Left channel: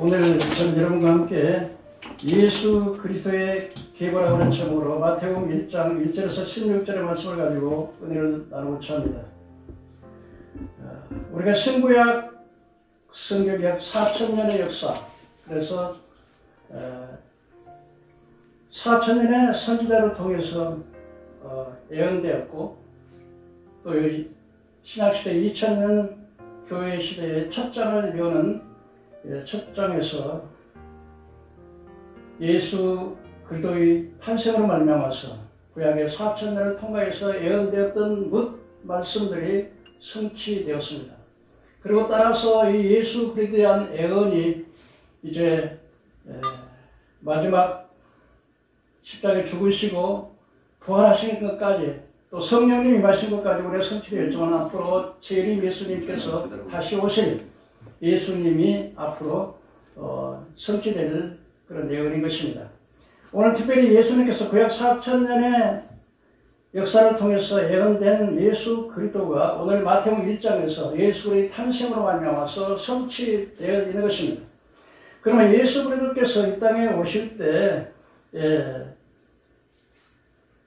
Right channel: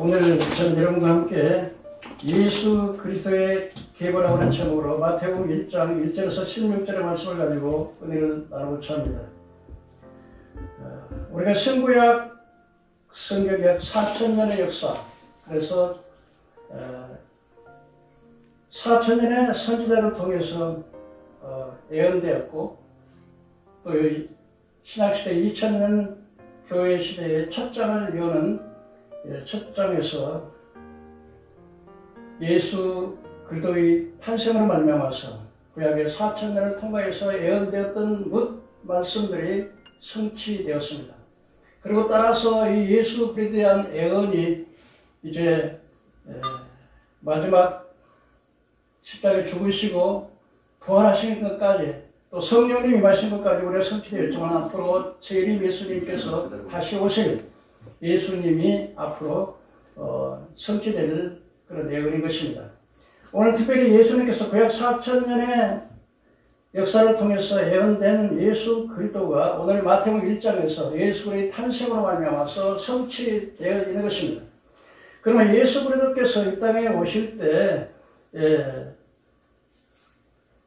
오늘 전 여러분과 함께 예수 그리스도의 계보라고 하는 제목으로 마태복음 1장 1절에서 16절의 말씀을 가지고 은혜를 나누고자 합니다. 우리가 신구약 성경 약 4000년의 역사, 그래서 4000년의 선지자를 통해서 예언되었고, 또 신약시대 2000년 교회 시대의 첫 장을 여는 첫 장에서 예수 그리스도의 탄생으로 말미암아서 구약의 4000년을 통과해서 예언되었던 말씀들이 성취되었습니다. 그리고 따라서 이 예수 그리스도에 대한 예언이 이제 마지막 십자가에 죽으시고 부활하신 것까지, 또 성령님이 임하신 것까지 우리가 성취되었지만, 앞으로 재림 예수님께서 다시 오실 예수님이 앞으로 성취될 그런 예언인 것입니다. 오늘 특별히 예수님께서 구약 4000년의 역사를 통해서 예언된 예수 그리스도가 오늘 마태복음 1장에서 예수 그리스도의 탄생으로 말미암아서 성취되어 있는 것입니다. 그러면 예수 그리스도께서 이 땅에 오실 때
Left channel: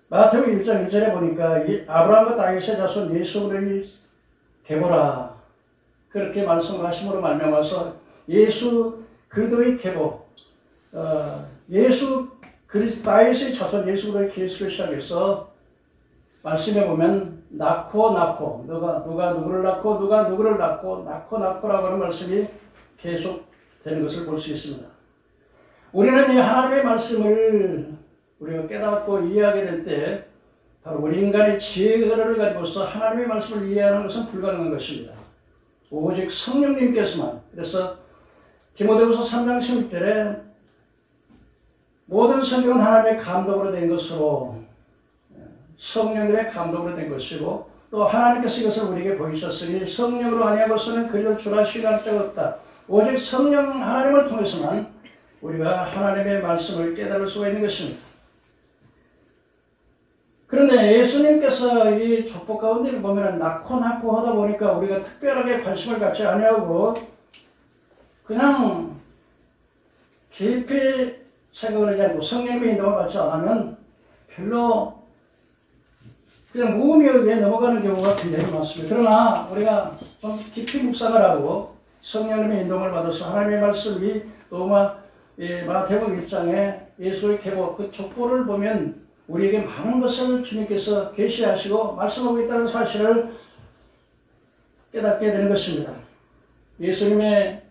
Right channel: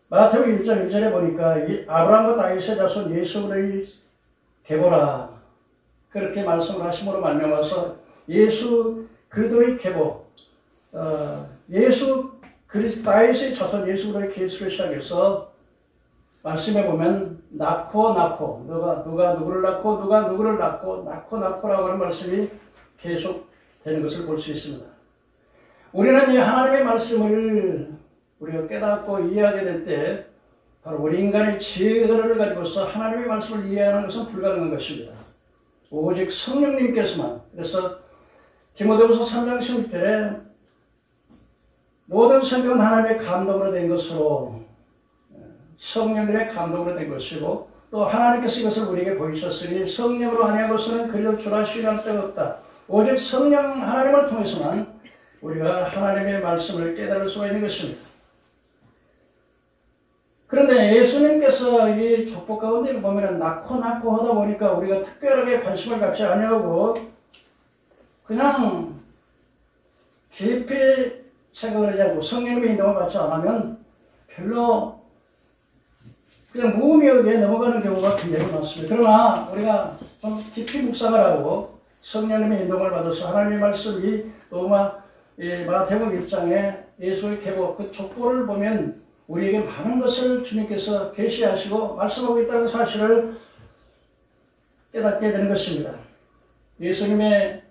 마태복음 1장 1절에 보니까 아브라함과 다윗의 자손 예수 그리스도의 계보라, 그렇게 말씀을 하심으로 말미암아서 예수 그리스도의 계보, 예수 그리스도 다윗의 자손 예수 그리스도의 계수를 시작해서 말씀해 보면 낳고 누가 누구를 낳고 누가 누구를 낳고라고 하는 말씀이 계속 되는 것을 볼 수 있습니다. 우리는 이 하나님의 말씀을 우리가 깨닫고 이해하게 될 때 바로 우리 인간의 지혜를 가지고서 하나님의 말씀을 이해하는 것은 불가능한 것입니다. 오직 성령님께서만. 그래서 디모데후서 3장 16절에 모든 성경은 하나님의 감동으로 된 것으로, 성령님의 감동으로 된 것이고, 또 하나님께서 이것을 우리에게 보이셨으니 성령으로 아니하고서는 그리를 주라 시인할 자가 없다. 오직 성령 하나님을 통해서만 우리가 하나님의 말씀을 깨달을 수가 있는 것입니다. 그런데 예수님께서 이 족보 가운데 보면 낳고 하다 보니까 우리가 특별하게 관심을 갖지 아니하고 그냥 깊이 생각을 하지 않고 성령님의 인도를 받지 않으면 별로 그냥 무의미에 의해 넘어가는 경우가 굉장히 많습니다. 그러나 우리가 좀 깊이 묵상을 하고 성령님의 인도를 받아서 하나님의 말씀이 또 마태복음 1장에 예수의 계보, 그 족보를 보면 우리에게 많은 것을 주님께서 계시하시고 말씀하고 있다는 사실을 깨닫게 되는 것입니다. 예수님의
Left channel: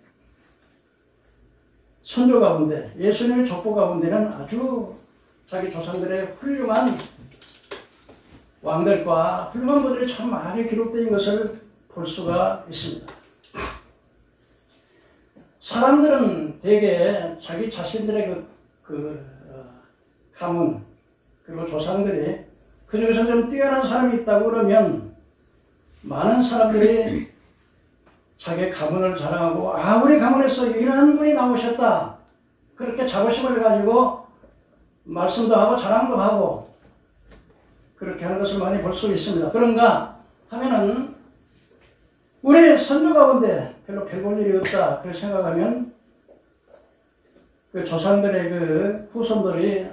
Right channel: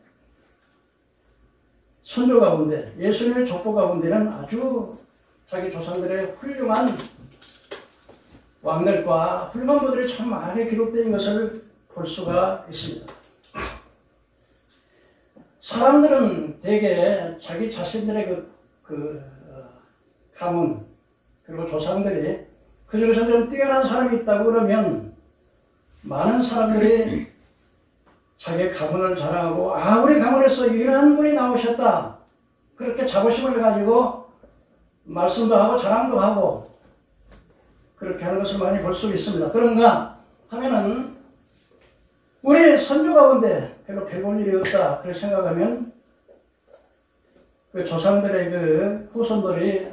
선조 가운데, 예수님의 족보 가운데는 아주 자기 조상들의 훌륭한 왕들과 훌륭한 분들이 참 많이 기록된 것을 볼 수가 있습니다. 사람들은 대개 자기 자신들의 가문, 그리고 조상들이 그 중에서 좀 뛰어난 사람이 있다고 그러면 많은 사람들이 자기의 가문을 자랑하고, 우리 가문에서 이러한 분이 나오셨다, 그렇게 자부심을 가지고 말씀도 하고 자랑도 하고 그렇게 하는 것을 많이 볼 수 있습니다. 그런가 하면은 우리 선조 가운데 별로 별 볼 일이 없다 그렇게 생각하면 그 조상들의 그 후손들이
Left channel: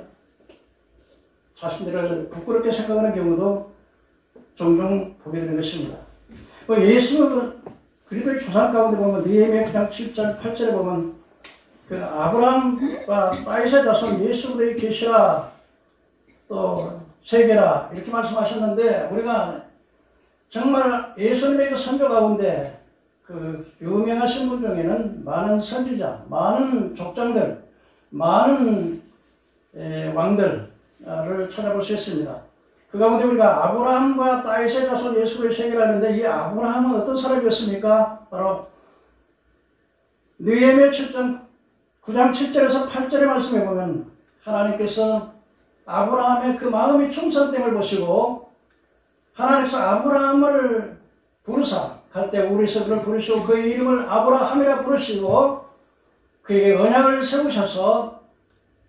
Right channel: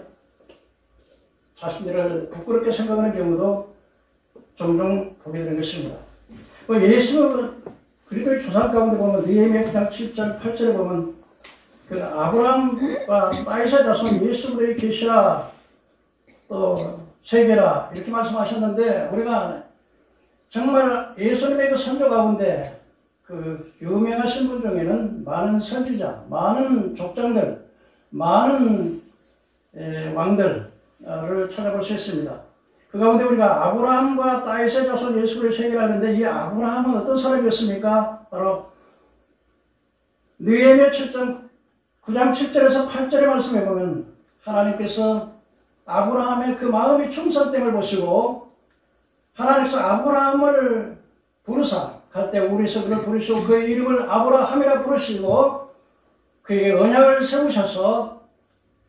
자신들을 부끄럽게 생각하는 경우도 종종 보게 되는 것입니다. 예수 그리스도의 조상 가운데 보면 느헤미야 9장 7절 8절에 보면 그 아브라함과 다윗의 자손 예수 그리스도의 계시라, 또 세계라, 이렇게 말씀하셨는데, 우리가 정말 예수님의 그 선조 가운데 그 유명하신 분 중에는 많은 선지자, 많은 족장들, 많은 왕들을 찾아볼 수 있습니다. 그 가운데 우리가 아브라함과 다윗의 자손 예수를 세계하는데 이 아브라함은 어떤 사람이었습니까? 바로 느헤미야 9장 7절에서 8절의 말씀에 보면 하나님께서 아브라함의 그 마음의 충성됨을 보시고 하나님께서 아브라함을 부르사 갈대 우리에서 그를 부르시고 그의 이름을 아브라함이라 부르시고 그에게 언약을 세우셔서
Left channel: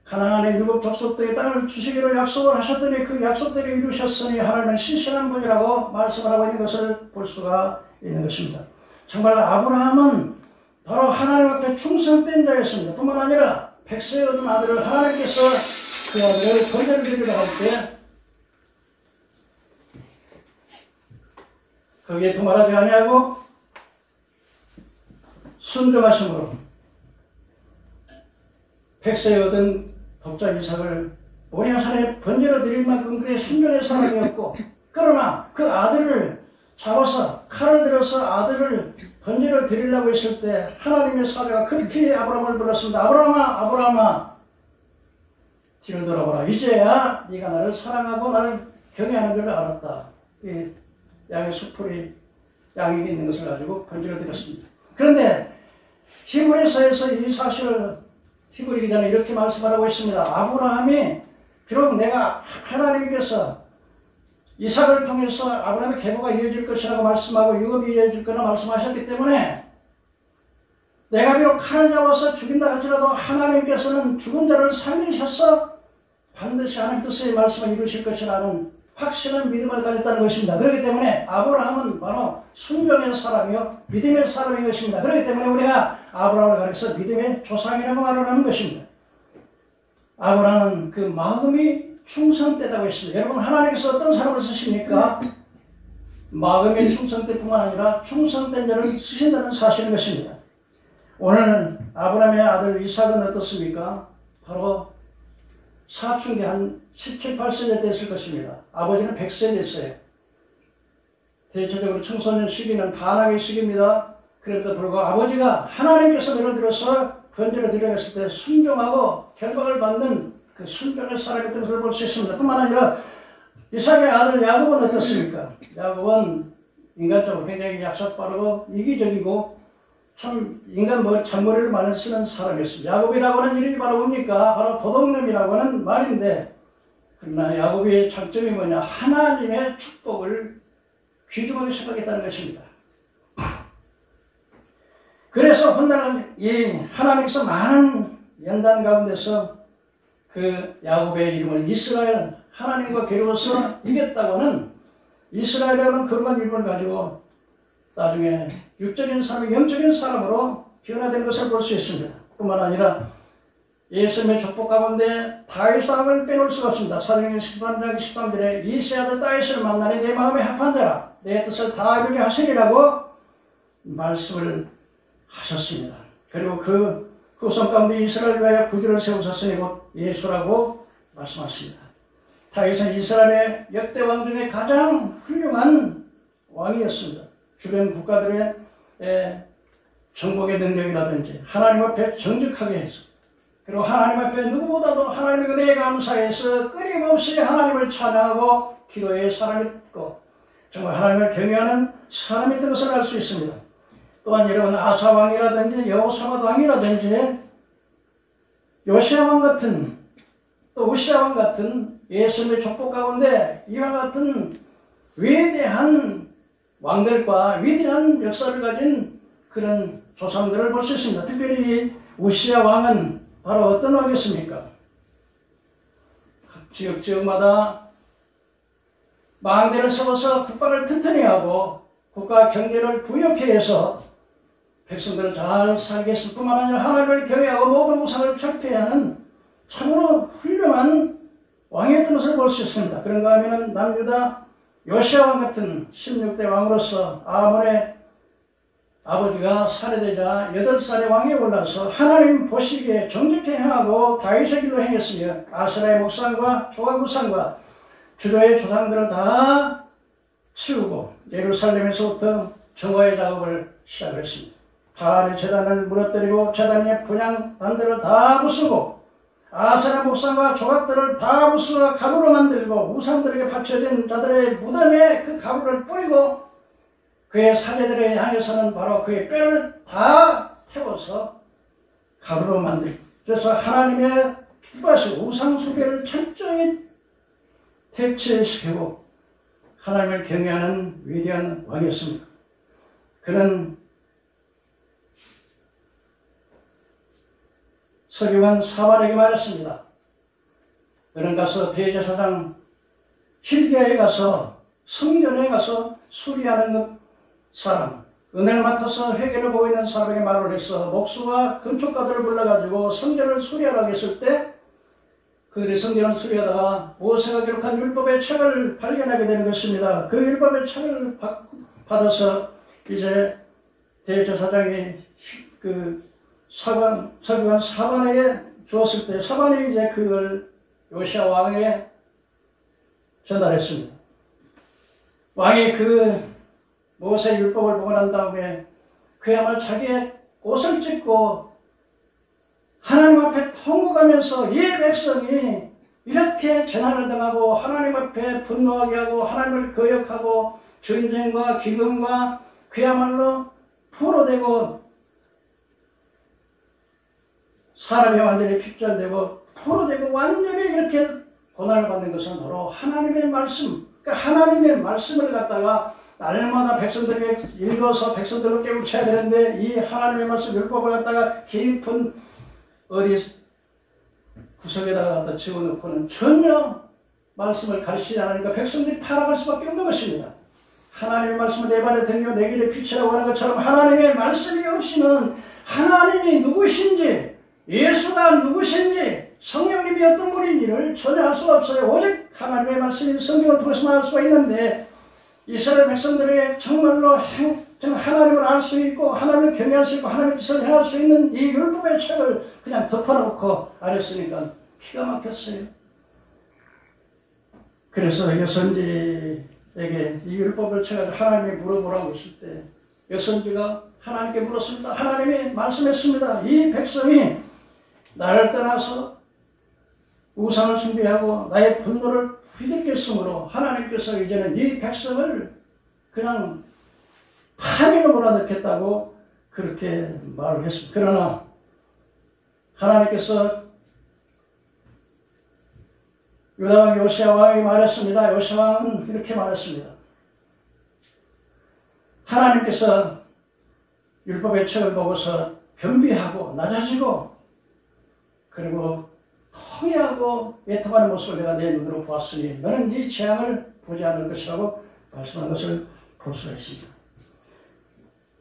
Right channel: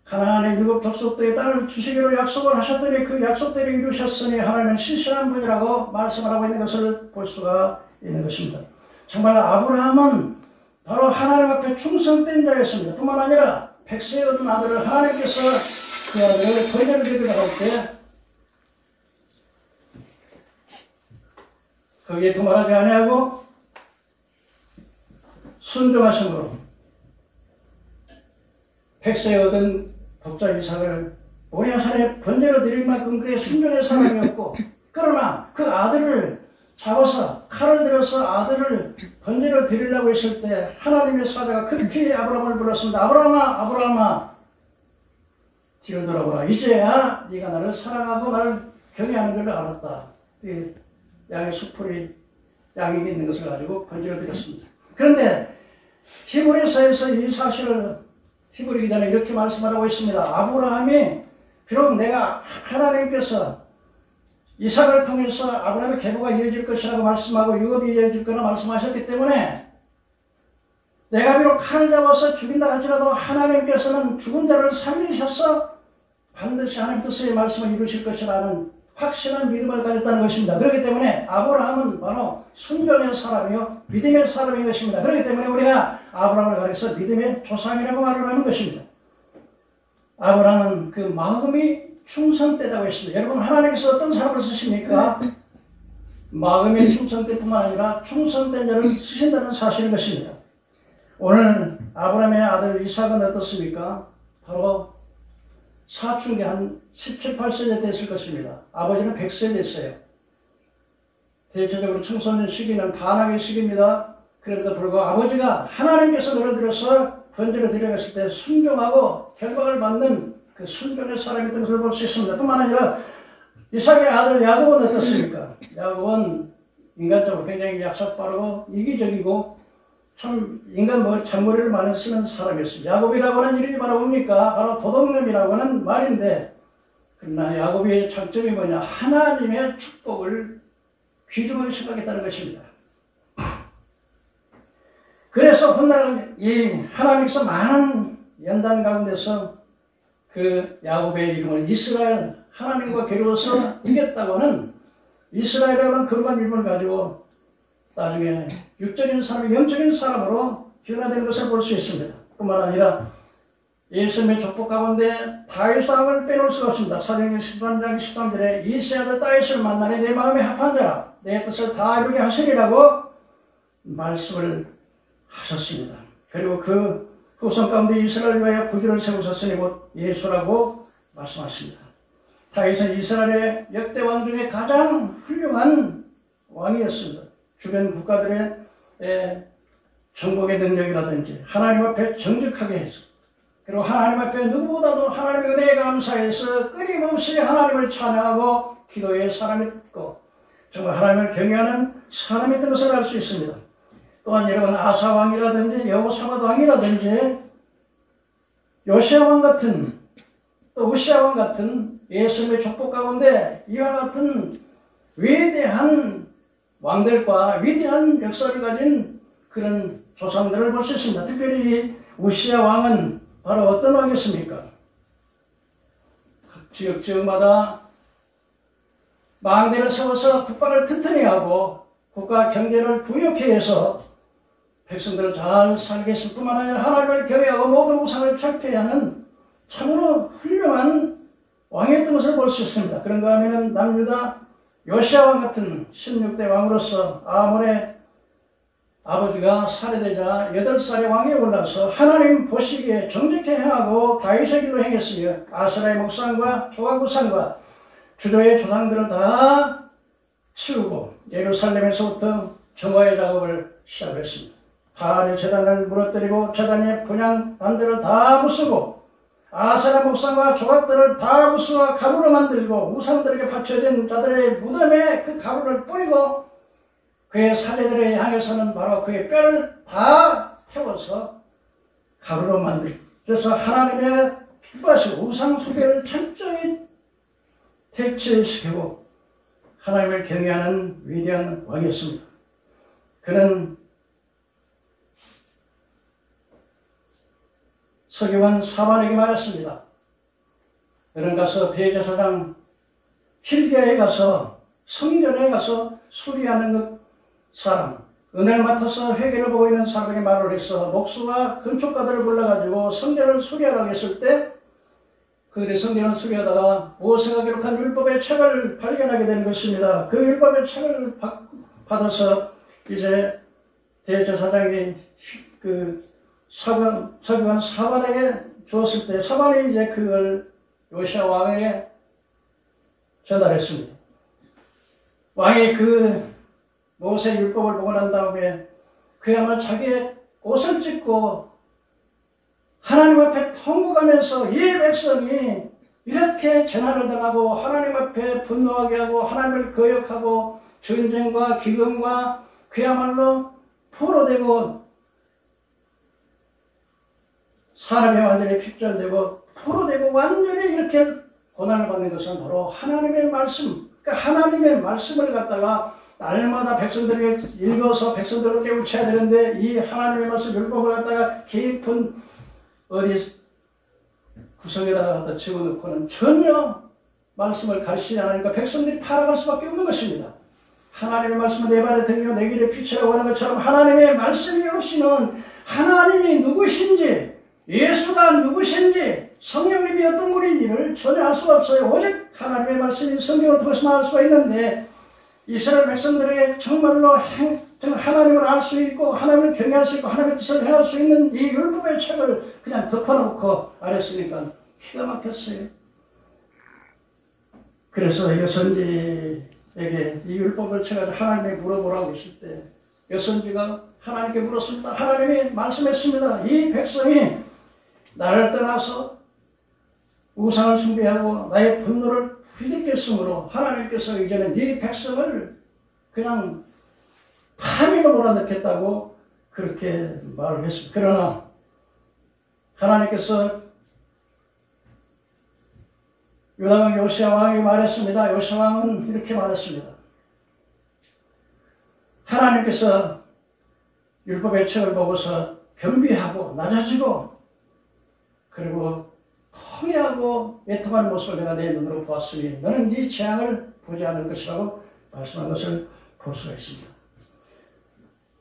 가나안의 7 족속들의 땅을 주시기로 약속을 하셨더니 그 약속대로 이루셨으니 하나님은 신실한 분이라고 말씀을 하고 있는 것을 볼 수가 있는 것입니다. 정말 아브라함은 바로 하나님 앞에 충성된 자였습니다. 뿐만 아니라 백세에 얻은 아들을 하나님께서 그 아들을 번제를 드리려고 할 때 거기에 두말하지 아니하고 순종하심으로 백세에 얻은 독자 이삭을 모리아산에 번제로 드릴 만큼 그의 순종의 사람이었고 그러나 그 아들을 잡아서 칼을 들여서 아들을 번제로 드리려고 했을 때 하나님의 사자가 급히 아브라함을 불렀습니다. 아브라함아 아브라함아 뒤를 돌아보라. 이제야 네가 나를 사랑하고 나를 경외하는 줄 알았다. 이 양의 수풀이 양이 있는 것을 가지고 번제로 드렸습니다. 그런데 히브리서에서 이 사실을 히브리 기자는 이렇게 말씀하라고 했습니다. 아브라함이 비록 내가 하나님께서 이삭을 통해서 아브라함의 계보가 이어질 것이라고 말씀하고 유업이 이어질 거라 말씀하셨기 때문에 내가 비록 칼을 잡아서 죽인다 할지라도 하나님께서는 죽은 자를 살리셔서 반드시 하나님 뜻의 말씀을 이루실 것이라는 확신한 믿음을 가졌다는 것입니다. 그렇기 때문에 아브라함은 바로 순종의 사람이요 믿음의 사람인 것입니다. 그렇기 때문에 우리가 아브라함을 가리켜서 믿음의 조상이라고 말을 하는 것입니다. 아브라함은 그 마음이 충성되다고 했습니다. 여러분 하나님께서 어떤 사람을 쓰십니까? 마음이 충성될 뿐만 아니라 충성된 자를 쓰신다는 사실인 것입니다. 오늘 아브라함의 아들 이삭은 어떻습니까? 바로 사춘기 한 17, 18세 됐을 것입니다. 아버지는 100세 됐어요. 대체적으로 청소년 시기는 반항의 시기입니다. 그럼에도 불구하고 아버지가 하나님께서 너를 들어서 번제를 드려갔을 때 순종하고 결박을 받는 그 순종의 사람이었던 것을 볼 수 있습니다. 뿐만 아니라 이삭의 아들 야곱은 어떻습니까? 야곱은 인간적으로 굉장히 약삭빠르고 이기적이고 참 인간 잔머리를 많이 쓰는 사람이었습니다. 야곱이라고 하는 이름이 바로 뭡니까? 바로 도둑놈이라고 하는 말인데 그러나 야곱의 장점이 뭐냐? 하나님의 축복을 귀중하게 생각했다는 것입니다. 그래서 훗날 이 하나님께서 많은 연단 가운데서 그 야곱의 이름을 이스라엘 하나님과 겨루어서 이겼다고는 이스라엘이라는 거룩한 이름을 가지고 나중에 육적인 사람이 영적인 사람으로 변화되는 것을 볼 수 있습니다. 뿐만 아니라 예수님의 족보 가운데 다윗 왕을 빼놓을 수가 없습니다. 사도행전 13장 13절에 이새의 아들 다윗을 만나니 내 마음에 합한 자라 내 뜻을 다 이루게 하시리라고 말씀을 하셨습니다. 그리고 그 후손 가운데 이스라엘을 위하여 구주를 세우셨으니 곧 예수라고 말씀하십니다. 다윗은 이스라엘의 역대 왕 중에 가장 훌륭한 왕이었습니다. 주변 국가들의 정복의 능력이라든지 하나님 앞에 정직하게 해서 그리고 하나님 앞에 누구보다도 하나님의 은혜에 감사해서 끊임없이 하나님을 찬양하고 기도의 사람이었고 정말 하나님을 경외하는 사람이었던 것을 알 수 있습니다. 또한 여러분 아사 왕이라든지 여호사밧 왕이라든지 요시야 왕 같은 또 우시야 왕 같은 예수님의 족보 가운데 이와 같은 위대한 왕들과 위대한 역사를 가진 그런 조상들을 볼 수 있습니다. 특별히 우시야 왕은 바로 어떤 왕이었습니까? 각 지역마다 망대를 세워서 국가를 튼튼히 하고 국가 경제를 부욕해 해서 백성들을 잘 살게 했을 뿐만 아니라 하나님을 경외하고 모든 우상을 철폐하는 참으로 훌륭한 왕이었던 것을 볼 수 있습니다. 그런가 하면 남유다 요시야 왕 같은 16대 왕으로서 아몬의 아버지가 살해되자 8살의 왕이 올라서 하나님 보시기에 정직히 행하고 다윗의 길로 행했으며 아스라의 목상과 조각우상과 주저의 조상들을 다 치우고 예루살렘에서부터 정화의 작업을 시작했습니다. 바알의 제단을 무너뜨리고 제단의 분향단들을 다 부수고 아세라 목상과 조각들을 다 부수어 가루로 만들고 우상들에게 바쳐진 자들의 무덤에 그 가루를 뿌리고 그의 사제들을 향해서는 바로 그의 뼈를 다 태워서 가루로 만들고, 그래서 하나님의 기뻐하시고 우상 숭배를 철저히 퇴치시키고 하나님을 경외하는 위대한 왕이었습니다. 그는 서기관 사만에게 말했습니다. 그는 가서 대제사장 힐기야에 가서 성전에 가서 수리하는 그 사람, 은혜를 맡아서 회개를 보고 있는 사람에게 말을 해서 목수와 건축가들을 불러가지고 성전을 수리하라고 했을 때 그들이 성전을 수리하다가 모세가 기록한 율법의 책을 발견하게 되는 것입니다. 그 율법의 책을 받아서 이제 대제사장이 그 서기관 사반에게 주었을 때 사반이 이제 그걸 요시야 왕에게 전달했습니다. 왕이 그 모세 율법을 보고 난 다음에 그야말로 자기의 옷을 찢고 하나님 앞에 통곡하면서 이 백성이 이렇게 재난을 당하고 하나님 앞에 분노하게 하고 하나님을 거역하고 전쟁과 기근과 그야말로 포로되고 사람이 완전히 핍절되고 포로되고 완전히 이렇게 고난을 받는 것은 바로 하나님의 말씀, 그러니까 하나님의 말씀을 갖다가 날마다 백성들에게 읽어서 백성들을 깨우쳐야 되는데 이 하나님의 말씀 율법을 갖다가 깊은 어디 구석에다가 갖다 집어넣고는 전혀 말씀을 가르치지 않으니까 백성들이 타락할 수밖에 없는 것입니다. 하나님의 말씀은 내 발에 등이요 내 길에 빛이라고 하는 것처럼 하나님의 말씀이 없이는 하나님이 누구신지 예수가 누구신지 성령님이 어떤 분인지를 전혀 알 수가 없어요. 오직 하나님의 말씀이 성경을 통해서만 알 수가 있는데 이스라엘 백성들에게 정말로 하나님을 알 수 있고 하나님을 경외할 수 있고 하나님의 뜻을 행할 수 있는 이 율법의 책을 그냥 덮어놓고 아랬으니까 기가 막혔어요. 그래서 여선지에게 이 율법을 책을 하나님이 물어보라고 했을 때 여선지가 하나님께 물었습니다. 하나님이 말씀했습니다. 이 백성이 나를 떠나서 우상을 숭배하고 나의 분노를 휘둘렸으므로 하나님께서 이제는 이 백성을 그냥 파미로 몰아넣겠다고 그렇게 말을 했습니다. 그러나 하나님께서 유다왕 요시야 왕에게 말했습니다. 요시야 왕은 이렇게 말했습니다. 하나님께서 율법의 책을 보고서 겸비하고 낮아지고 그리고 통회하고 애통하는 모습을 내가 내 눈으로 보았으니 너는 이 재앙을 보지 않을 것이라고 말씀한 것을 볼 수가 있습니다.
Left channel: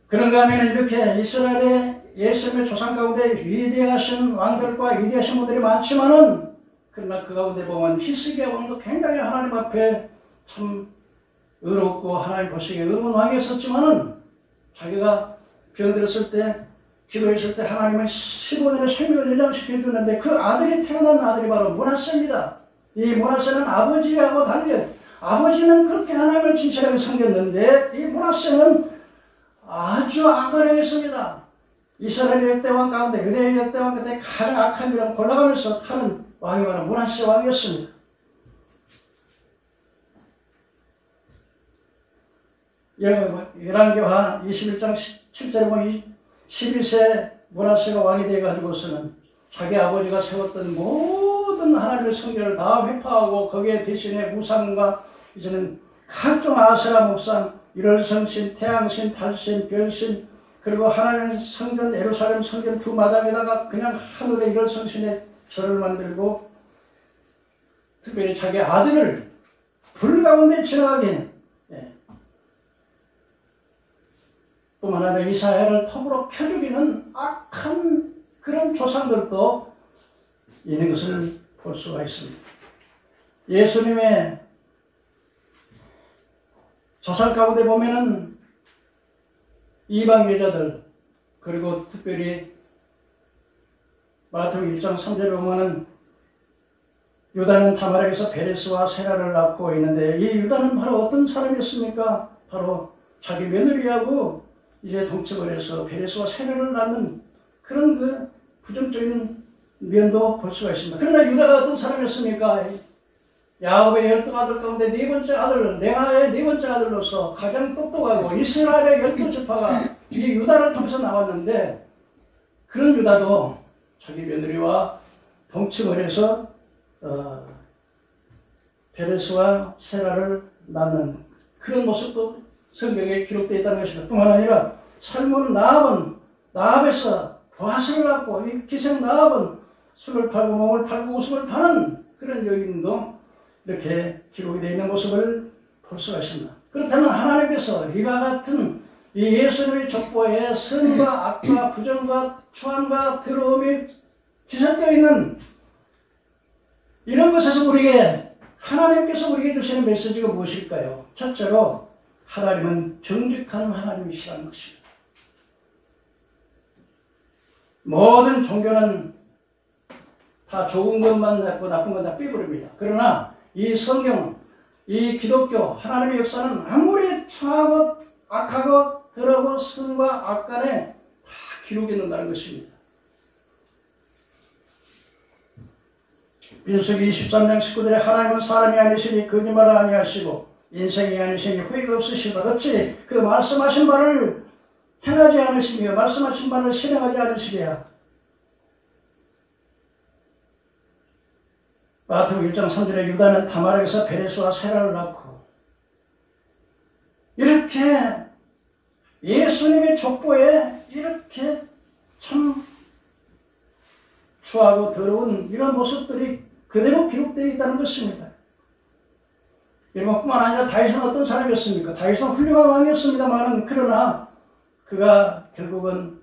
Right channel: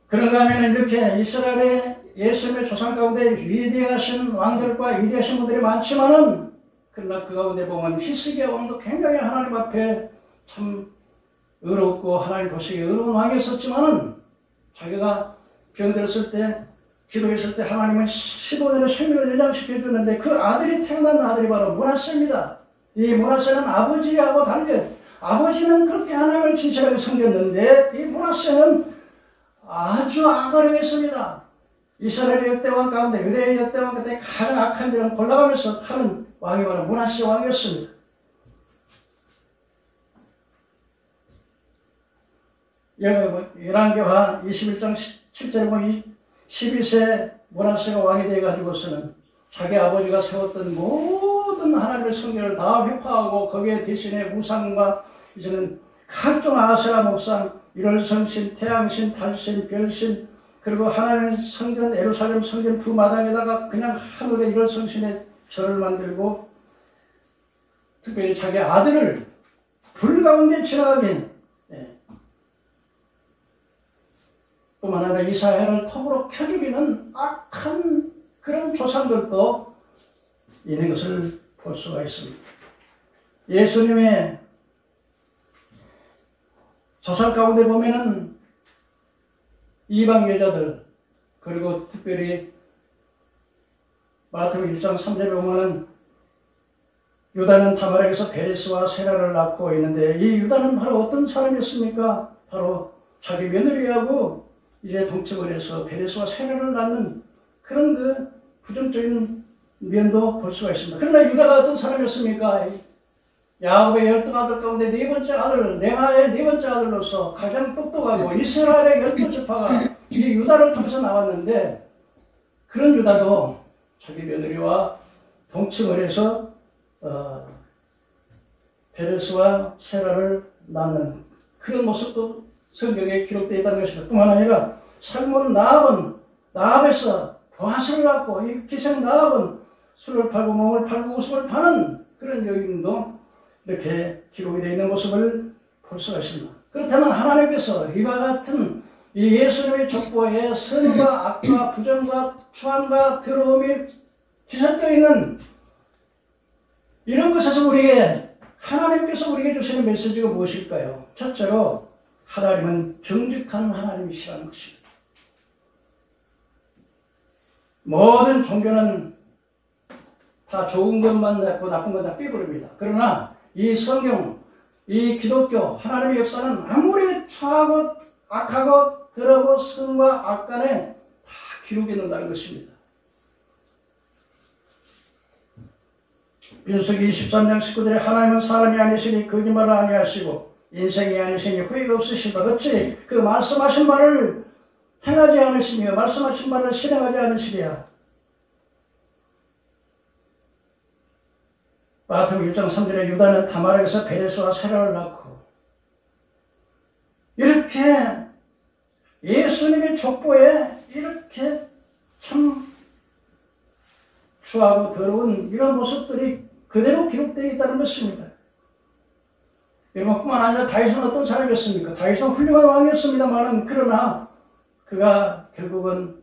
그런가 하면 이렇게 이스라엘의 예수님의 조상 가운데 위대하신 왕들과 위대하신 분들이 많지만은 그러나 그 가운데 보면 히스기야 왕도 굉장히 하나님 앞에 참 의롭고 하나님 보시기에 의로운 왕이었었지만은 자기가 병들었을 때 기도했을 때 하나님은 15년의 생명을 연장시켜 주는데 그 아들이 태어난 아들이 바로 므낫세입니다. 이 므낫세는 아버지하고 달리 아버지는 그렇게 하나님을 진실하게 섬겼는데 이 므낫세는 아주 악을 행했습니다. 이스라엘 역대왕 가운데 유대의 역대왕 가운데 가장 악한 일은 골라가면서 하는 왕이 바로 므낫세 왕이었습니다. 열왕기하 21장 7절에 보면 12세 므낫세가 왕이 되어가지고서는 자기 아버지가 세웠던 모든 하나님의 성결을 다 회파하고 거기에 대신에 우상과 이제는 각종 아세라 목상, 일월성신, 태양신, 달신, 별신 그리고 하나님의 성전 예루살렘 성전 두 마당에다가 그냥 하늘의 일월성신의 절을 만들고 특별히 자기 아들을 불 가운데 지나가게 뿐만 아니라 이스라엘을 톱으로 켜 죽이는 악한 그런 조상들도 있는 것을 볼 수가 있습니다. 예수님의 조상 가운데 보면은 이방 여자들 그리고 특별히 마태복음 1장 3절에 보면은 유다는 다말에게서 베레스와 세라를 낳고 있는데 이 유다는 바로 어떤 사람이었습니까? 바로 자기 며느리하고 이제 동침을 해서 베레스와 세라를 낳는 그런 그 부정적인 면도 볼 수가 있습니다. 그러나 유다가 어떤 사람이었습니까? 야곱의 12아들 가운데 네 번째 아들, 레아의 네 번째 아들로서 가장 똑똑하고 이스라엘의 12지파가 이 유다를 통해서 나왔는데, 그런 유다도 자기 며느리와 동침을 해서 베레스와 세라를 낳는 그런 모습도 성경에 기록되어 있다는 것입니다. 뿐만 아니라 살몬 나압에서 보아스를 낳고, 이 기생 나압은 술을 팔고 몸을 팔고 웃음을 파는 그런 여인도 이렇게 기록이 되어 있는 모습을 볼 수가 있습니다. 그렇다면 하나님께서 이와 같은 이 예수님의 족보에 선과 악과 부정과 추함과 더러움이 뒤섞여 있는 이런 것에서 하나님께서 우리에게 주시는 메시지가 무엇일까요? 첫째로 하나님은 정직한 하나님이시라는 것입니다. 모든 종교는 다 좋은 것만 냈고 나쁜 건 다 빼버립니다. 그러나 이 성경, 이 기독교, 하나님의 역사는 아무리 추하고 악하고 더러고 선과 악 간에 다 기록해 놓는다는 것입니다. 민수기 23장 19절에 하나님은 사람이 아니시니 거짓말을 아니하시고 인생이 아니시니 후회가 없으시다. 어찌 그 말씀하신 바를 행하지 않으시며 말씀하신 바를 실행하지 않으시랴. 마태복음 1장 3절에 유다는 다말에서 베레스와 세라를 낳고, 이렇게 예수님의 족보에 이렇게 참 추하고 더러운 이런 모습들이 그대로 기록되어 있다는 것입니다. 여러분, 뿐만 아니라 다윗은 어떤 사람이었습니까? 다윗은 훌륭한 왕이었습니다만, 그러나 그가 결국은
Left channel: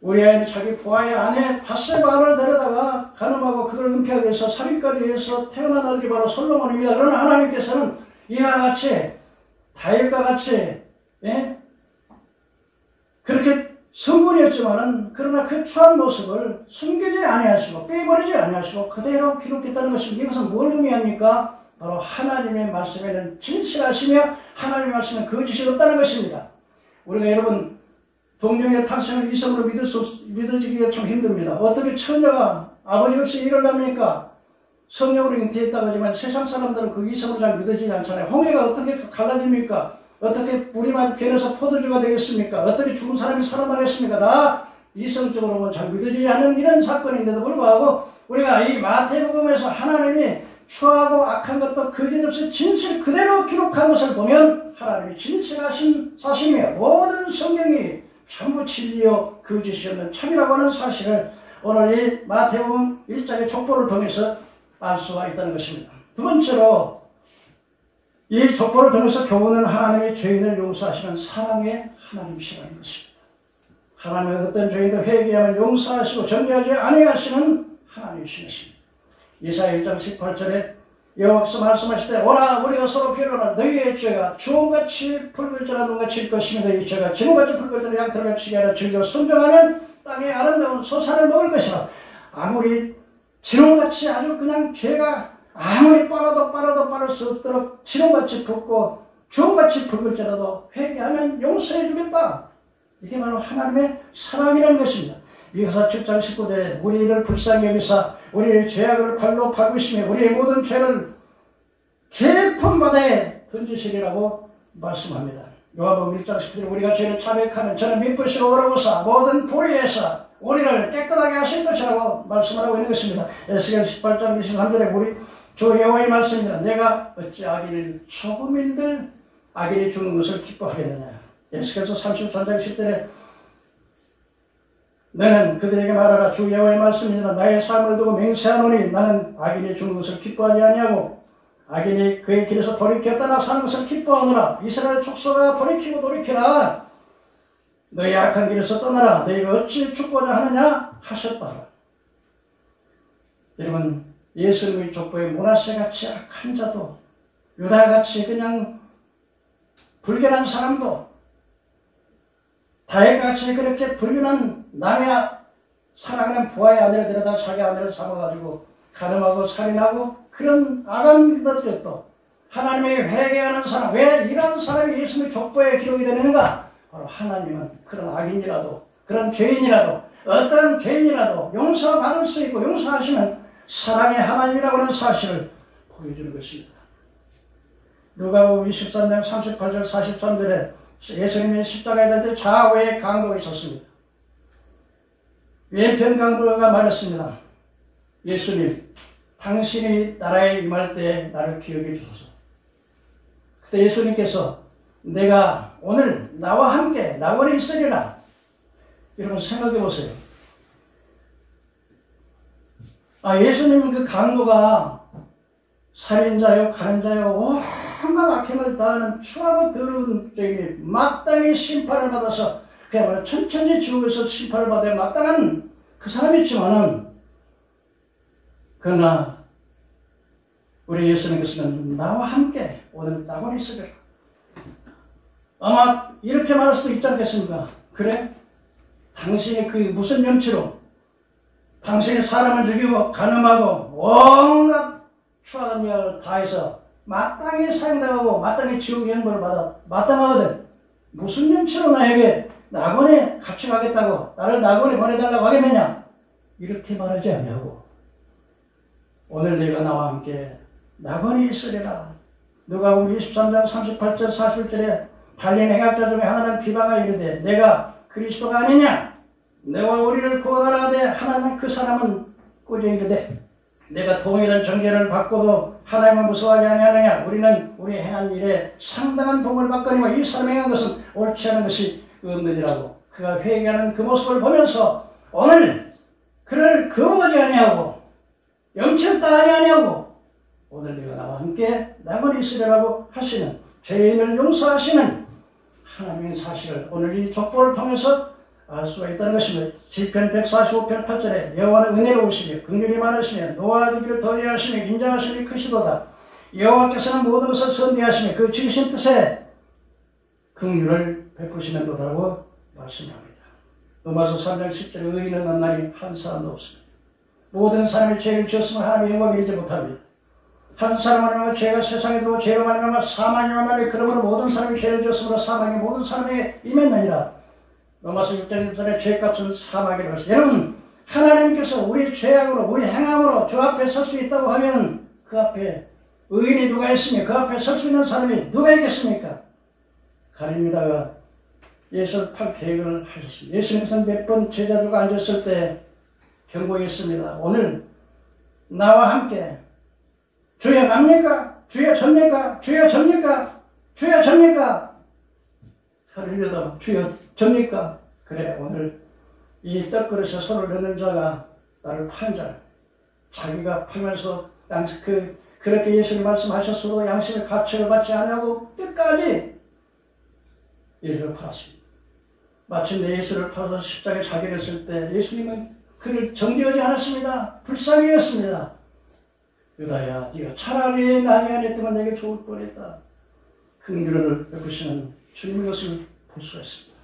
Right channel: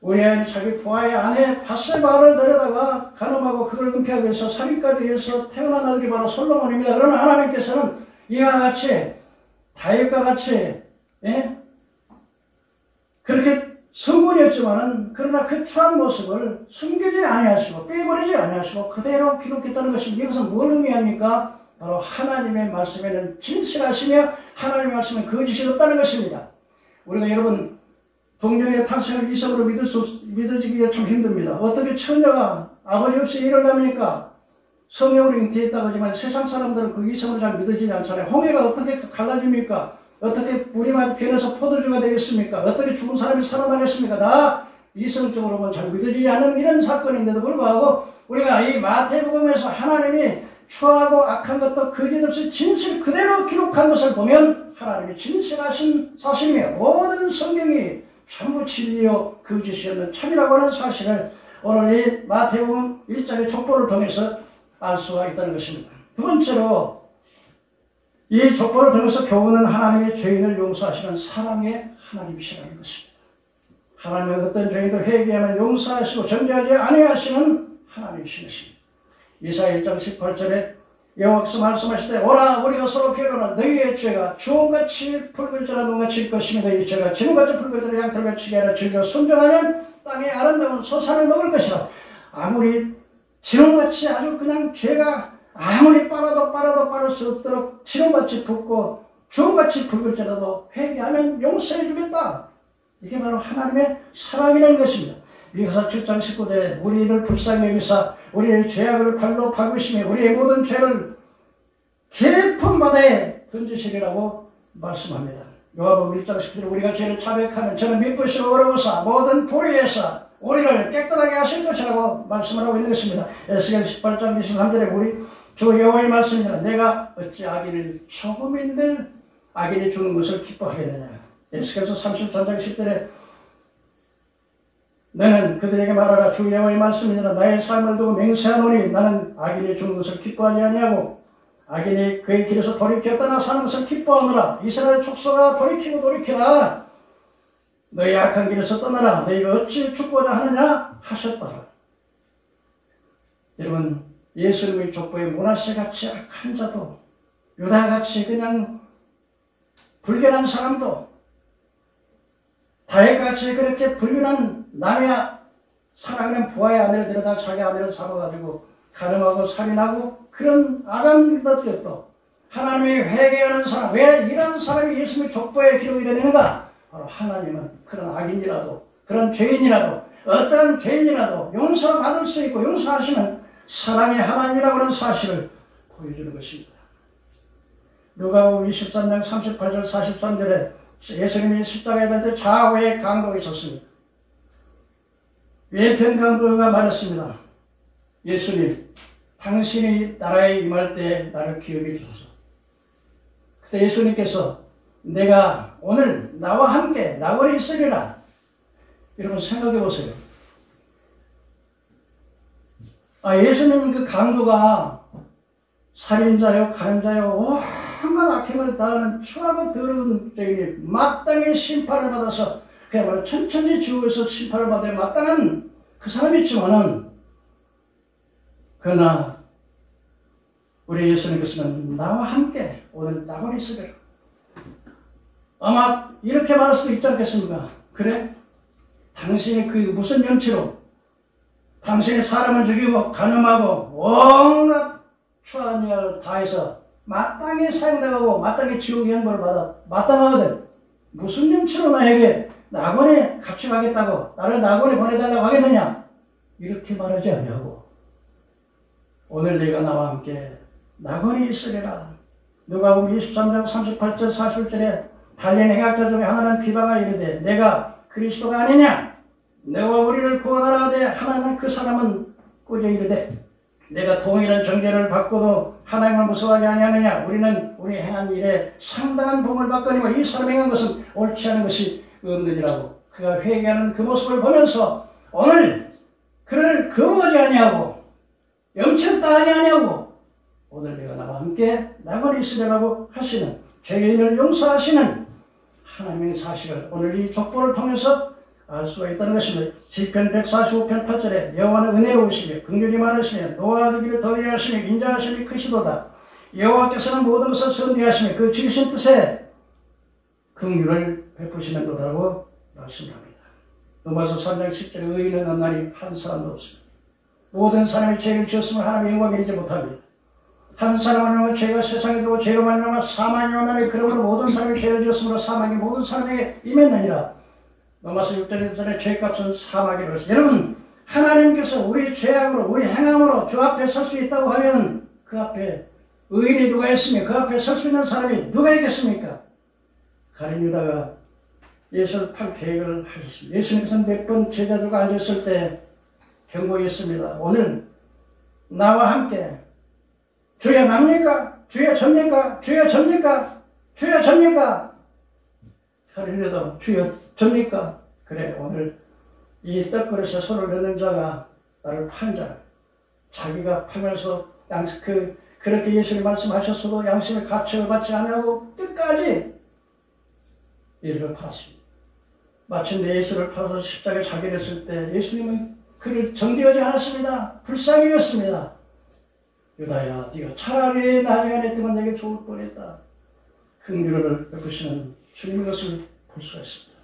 우리아의 자기 보아의 아내 바세바를 데려다가 간음하고 그걸 은폐하기 위해서 살인까지 해서 태어난 아들이 바로 솔로몬입니다. 그러나 하나님께서는 이와 같이 다윗과 같이 그렇게 성군이었지만은 그러나 그 추한 모습을 숨기지 아니하시고 빼버리지 아니하시고 그대로 기록했다는 것입니다. 이것은 뭘 의미합니까? 바로 하나님의 말씀에는 진실하시며 하나님의 말씀에 거짓이 없다는 것입니다. 우리가 여러분 동정의 탁생을 이성으로 믿어지기가 참 힘듭니다. 어떻게 처녀가 아버지 없이 일을 합니까? 성령으로 잉태했다고 하지만 세상 사람들은 그 이성으로 잘 믿어지지 않잖아요. 홍해가 어떻게 갈라집니까? 어떻게 물이 변해서 포도주가 되겠습니까? 어떻게 죽은 사람이 살아나겠습니까? 다 이성적으로는 잘 믿어지지 않는 이런 사건인데도 불구하고 우리가 이 마태복음에서 하나님이 추하고 악한 것도 거짓없이 진실 그대로 기록한 것을 보면 하나님이 진실하신 사실이며 모든 성경이 전부 진리요 거짓이 없는 참이라고 하는 사실을 오늘 이 마태복음 1장의 족보를 통해서 알 수가 있다는 것입니다. 두 번째로 이 족보를 통해서 교훈은 하나님의 죄인을 용서하시는 사랑의 하나님이시라는 것입니다. 하나님은 어떤 죄인도 회개하면 용서하시고 정죄하지 아니하시는 하나님이신 것입니다. 이사야 1장 18절에 여호와께서 말씀하시되 오라 우리가 서로 변호하라. 너희의 죄가 주홍같이 붉을지라 눈같이 질 것이며 너희 죄가 진홍같이 붉을지라 양털같이 치게 하라. 즐겨 순종하면 땅의 아름다운 소산을 먹을 것이라. 아무리 진홍같이 아주 그냥 죄가 아무리 빨아도 빠를 수 없도록 진홍같이 붉고 주홍같이 붉을지라도 회개하면 용서해 주겠다. 이게 바로 하나님의 사랑이라는 것입니다. 미가서 7장 19절에 우리를 불쌍히 여기사 우리의 죄악을 발로 박으시며 우리의 모든 죄를 깊은 바다에 던지시리라고 말씀합니다. 요한복음 1장 10절에 우리가 죄를 자백하면 저는 미쁘시고 어려우사 모든 불의에서 우리를 깨끗하게 하실 것이라고 말씀을 하고 있는 것입니다. 에스겔 18장 23절에 우리 주 여호와의 말씀입니다. 내가 어찌 악인을 조금인들 악인이 죽는 것을 기뻐하겠느냐. 에스겔서 33장 10절에 너는 그들에게 말하라. 주 여호와의 말씀이니라. 나의 삶을 두고 맹세하노니 나는 악인이 죽는 것을 기뻐하지 아니하고 악인이 그의 길에서 돌이켜 떠나 사는 것을 기뻐하노라. 이스라엘 족속아 돌이키고 돌이키라. 너희 악한 길에서 떠나라. 너희가 어찌 죽고자 하느냐 하셨다. 여러분 예수님의 족보에 므낫세같이 악한 자도 유다같이 그냥 불결한 사람도 다윗같이 그렇게 불륜한 남의 사랑하는 부하의 아내를 데려다 자기 아내를 잡아가지고 간음하고 살인하고 그런 악한 것들도 하나님의 회개하는 사람, 왜 이런 사람이 예수님의 족보에 기록이 되는가? 바로 하나님은 그런 악인이라도 그런 죄인이라도 어떤 죄인이라도 용서받을 수 있고 용서하시는 사랑의 하나님이라고 하는 사실을 보여주는 것입니다. 누가복음 23장 38절 43절에 예수님이 십자가에 달 때 좌우에 강도가 있었습니다. 왼편 강도가 말했습니다. 예수님, 당신이 나라에 임할 때 나를 기억해 주소서. 그때 예수님께서 내가 오늘 나와 함께 낙원에 있으리라. 여러분 생각해 보세요. 예수님은 그 강도가 살인자요, 가늠자요, 온갖 악행을 다하는 추하고 더러운 죄에 마땅히 심판을 받아서 그야말로 천천히 지옥에서 심판을 받아야 마땅한 그 사람이지만은, 그러나 우리 예수님께서는 나와 함께 오늘 낙원에 있으리라. 아마 이렇게 말할 수도 있지 않겠습니까? 그래? 당신이 그 무슨 명치로 당신이 사람을 죽이고 가늠하고 온갖 추악한 일을 다해서 마땅히 사형당하고 마땅히 지옥의 형벌을 받아 마땅하거든. 무슨 명치로 나에게 낙원에 같이 가겠다고, 나를 낙원에 보내달라고 하겠느냐? 이렇게 말하지 아니하고 오늘 네가 나와 함께 낙원에 있으리라. 누가복음 23장 38절 40절에 달린 행악자 중에 하나는 비방하 이르되 내가 그리스도가 아니냐? 내가 우리를 구원하라 하되 하나는 그 사람은 꾸짖어 이르되 내가 동일한 정죄를 받고도 하나님을 무서워하지 아니하느냐? 우리는 우리 행한 일에 상당한 복을 받거니와 이 사람이 행한 것은 옳지 않은 것이 없느니라고. 그가 회개하는 그 모습을 보면서 오늘 그를 거부하지 아니하고 영쳤다 아니하냐고 오늘 내가 나와 함께 낙원에 있으리라고 하시는, 죄인을 용서하시는 하나님의 사실을 오늘 이 족보를 통해서 알 수가 있다는 것입니다. 시편 145편 8절에 여호와는 은혜로우시며 긍휼이 많으시며 노하기를 더디 하시며 인자하심이 크시도다. 여호와께서는 모든 것을 선대하시며 그 지으신 뜻에 긍휼을 베푸시는도라고 말씀합니다. 로마서 3장 10절에 의인은 없나니 한 사람도 없습니다. 모든 사람이 죄를 지었으면 하나님의 영광을 이루지 못합니다. 한 사람은 죄가 세상에 들어오고 죄로 말미암아 사망이 왔나니 그러므로 모든 사람이 죄를 지었으므로 사망이 모든 사람에게 임했느니라. 로마서 6장 1절에 죄값은 사망이라고 했습니다. 여러분, 하나님께서 우리 죄악으로 우리 행함으로 주 앞에 설 수 있다고 하면 그 앞에 의인이 누가 있으며 그 앞에 설 수 있는 사람이 누가 있겠습니까? 가룟 유다가 예수를 팔 계획을 하셨습니다. 예수님께서는 몇 번 제자들과 앉았을 때 경고했습니다. 오늘 나와 함께 주여 납니까? 주여 접니까? 주여 접니까? 주여 접니까? 가룟 유다 주여 접니까? 그래, 오늘 이 떡그릇에 손을 넣는 자가 나를 판 자, 자기가 팔면서 그렇게 예수님 말씀하셨어도 양심의 가책을 받지 않으려고 끝까지 예수를 팔았습니다. 마침내 예수를 팔아서 십자가에 자결했을 때 예수님은 그를 정죄하지 않았습니다. 불쌍히 여겼습니다. 유다야, 네가 차라리 나중에 안 했더만 내게 좋을 뻔했다. 긍휼을 베푸시는 주님의 것을 볼 수가 있습니다.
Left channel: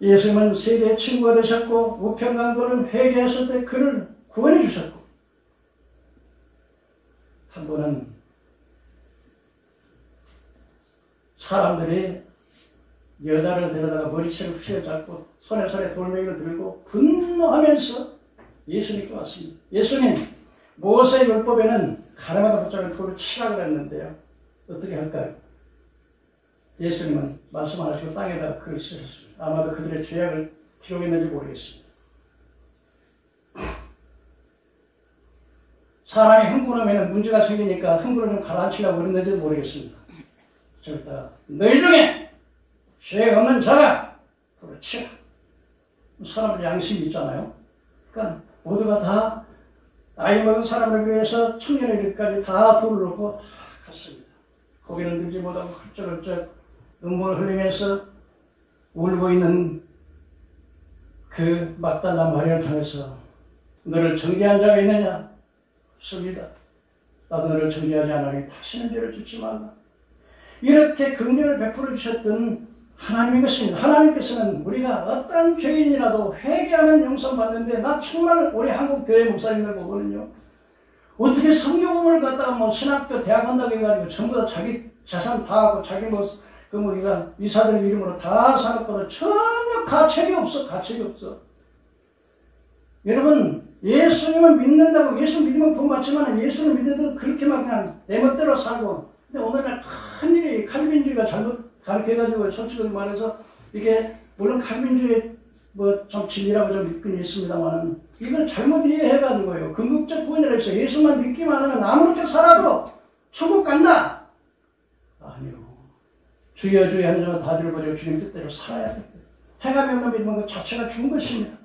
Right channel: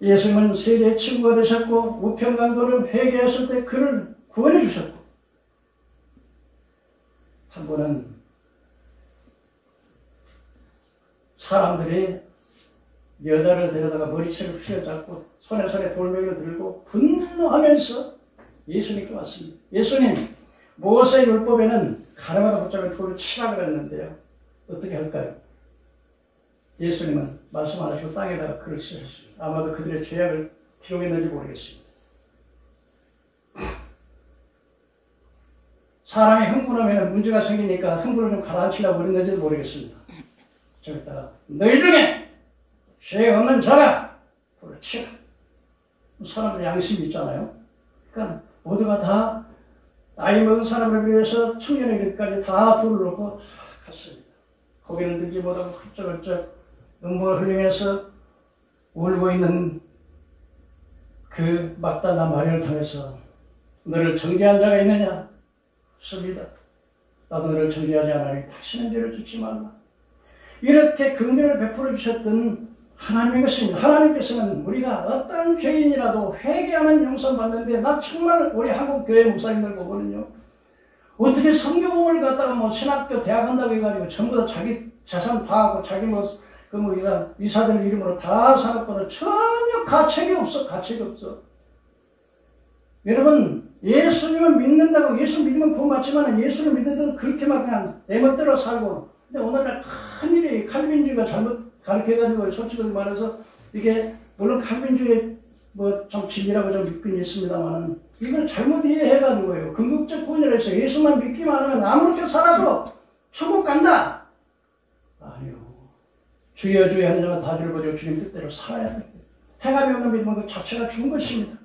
예수님은 세대의 친구가 되셨고 우편강도를 회개했을 때 그를 구원해 주셨고, 한 번은 사람들이 여자를 데려다가 머리채를 휘어잡고 손에 돌멩이를 들고 분노하면서 예수님께 왔습니다. 예수님, 모세 율법에는 가늠하다 붙잡은 돌을 치라 그랬는데요. 어떻게 할까요? 예수님은 말씀 안 하시고 땅에다가 글을 쓰셨습니다. 아마도 그들의 죄악을 기록했는지 모르겠습니다. 사람이 흥분하면 문제가 생기니까 흥분을 좀 가라앉히려고 그랬는지도 모르겠습니다. 저기다가 너희 중에 죄 없는 자가 돌을 치라. 사람들 양심이 있잖아요. 그러니까 모두가 다 나이 먹은 사람을 위해서 청년의 이르기까지 다 돌을 놓고 다 갔습니다. 고개를 들지 못하고 훌쩍훌쩍 눈물을 흘리면서 울고 있는 그 막달라 마리아를 통해서 너를 정죄한 자가 있느냐? 없습니다. 나도 너를 정죄하지 않으니 다시는 죄를 짓지 말라. 이렇게 긍휼을 베풀어 주셨던 하나님의 것입니다. 하나님께서는 우리가 어떤 죄인이라도 회개하면 용서받는데, 나 정말 우리 한국 교회 목사님들 보거든요. 어떻게 성교금을 갖다가 신학교 대학 한다고 해가지고 전부 다 자기 재산 다 하고 자기 이사들 이름으로 다 사놓고는 전혀 가책이 없어. 가책이 없어. 여러분, 예수님을 믿는다고, 예수 믿으면 구원받지만 예수를 믿는다고 그렇게 막 그냥 내 멋대로 살고. 근데 오늘날 큰일이 칼빈주의가 잘못 가르쳐가지고 솔직히 말해서 이게 물론 칼빈주의 뭐 좀 진리라고 좀 믿긴 있습니다만 이걸 잘못 이해해가는 거예요. 궁극적 구원이라 해서 예수만 믿기만 하면 아무렇게 살아도 천국 간다. 아니요. 주여 주여 하는 자만 다 주를 보고 주님 뜻대로 살아야 돼요. 해가 없는 믿음은 그 자체가 죽은 것입니다.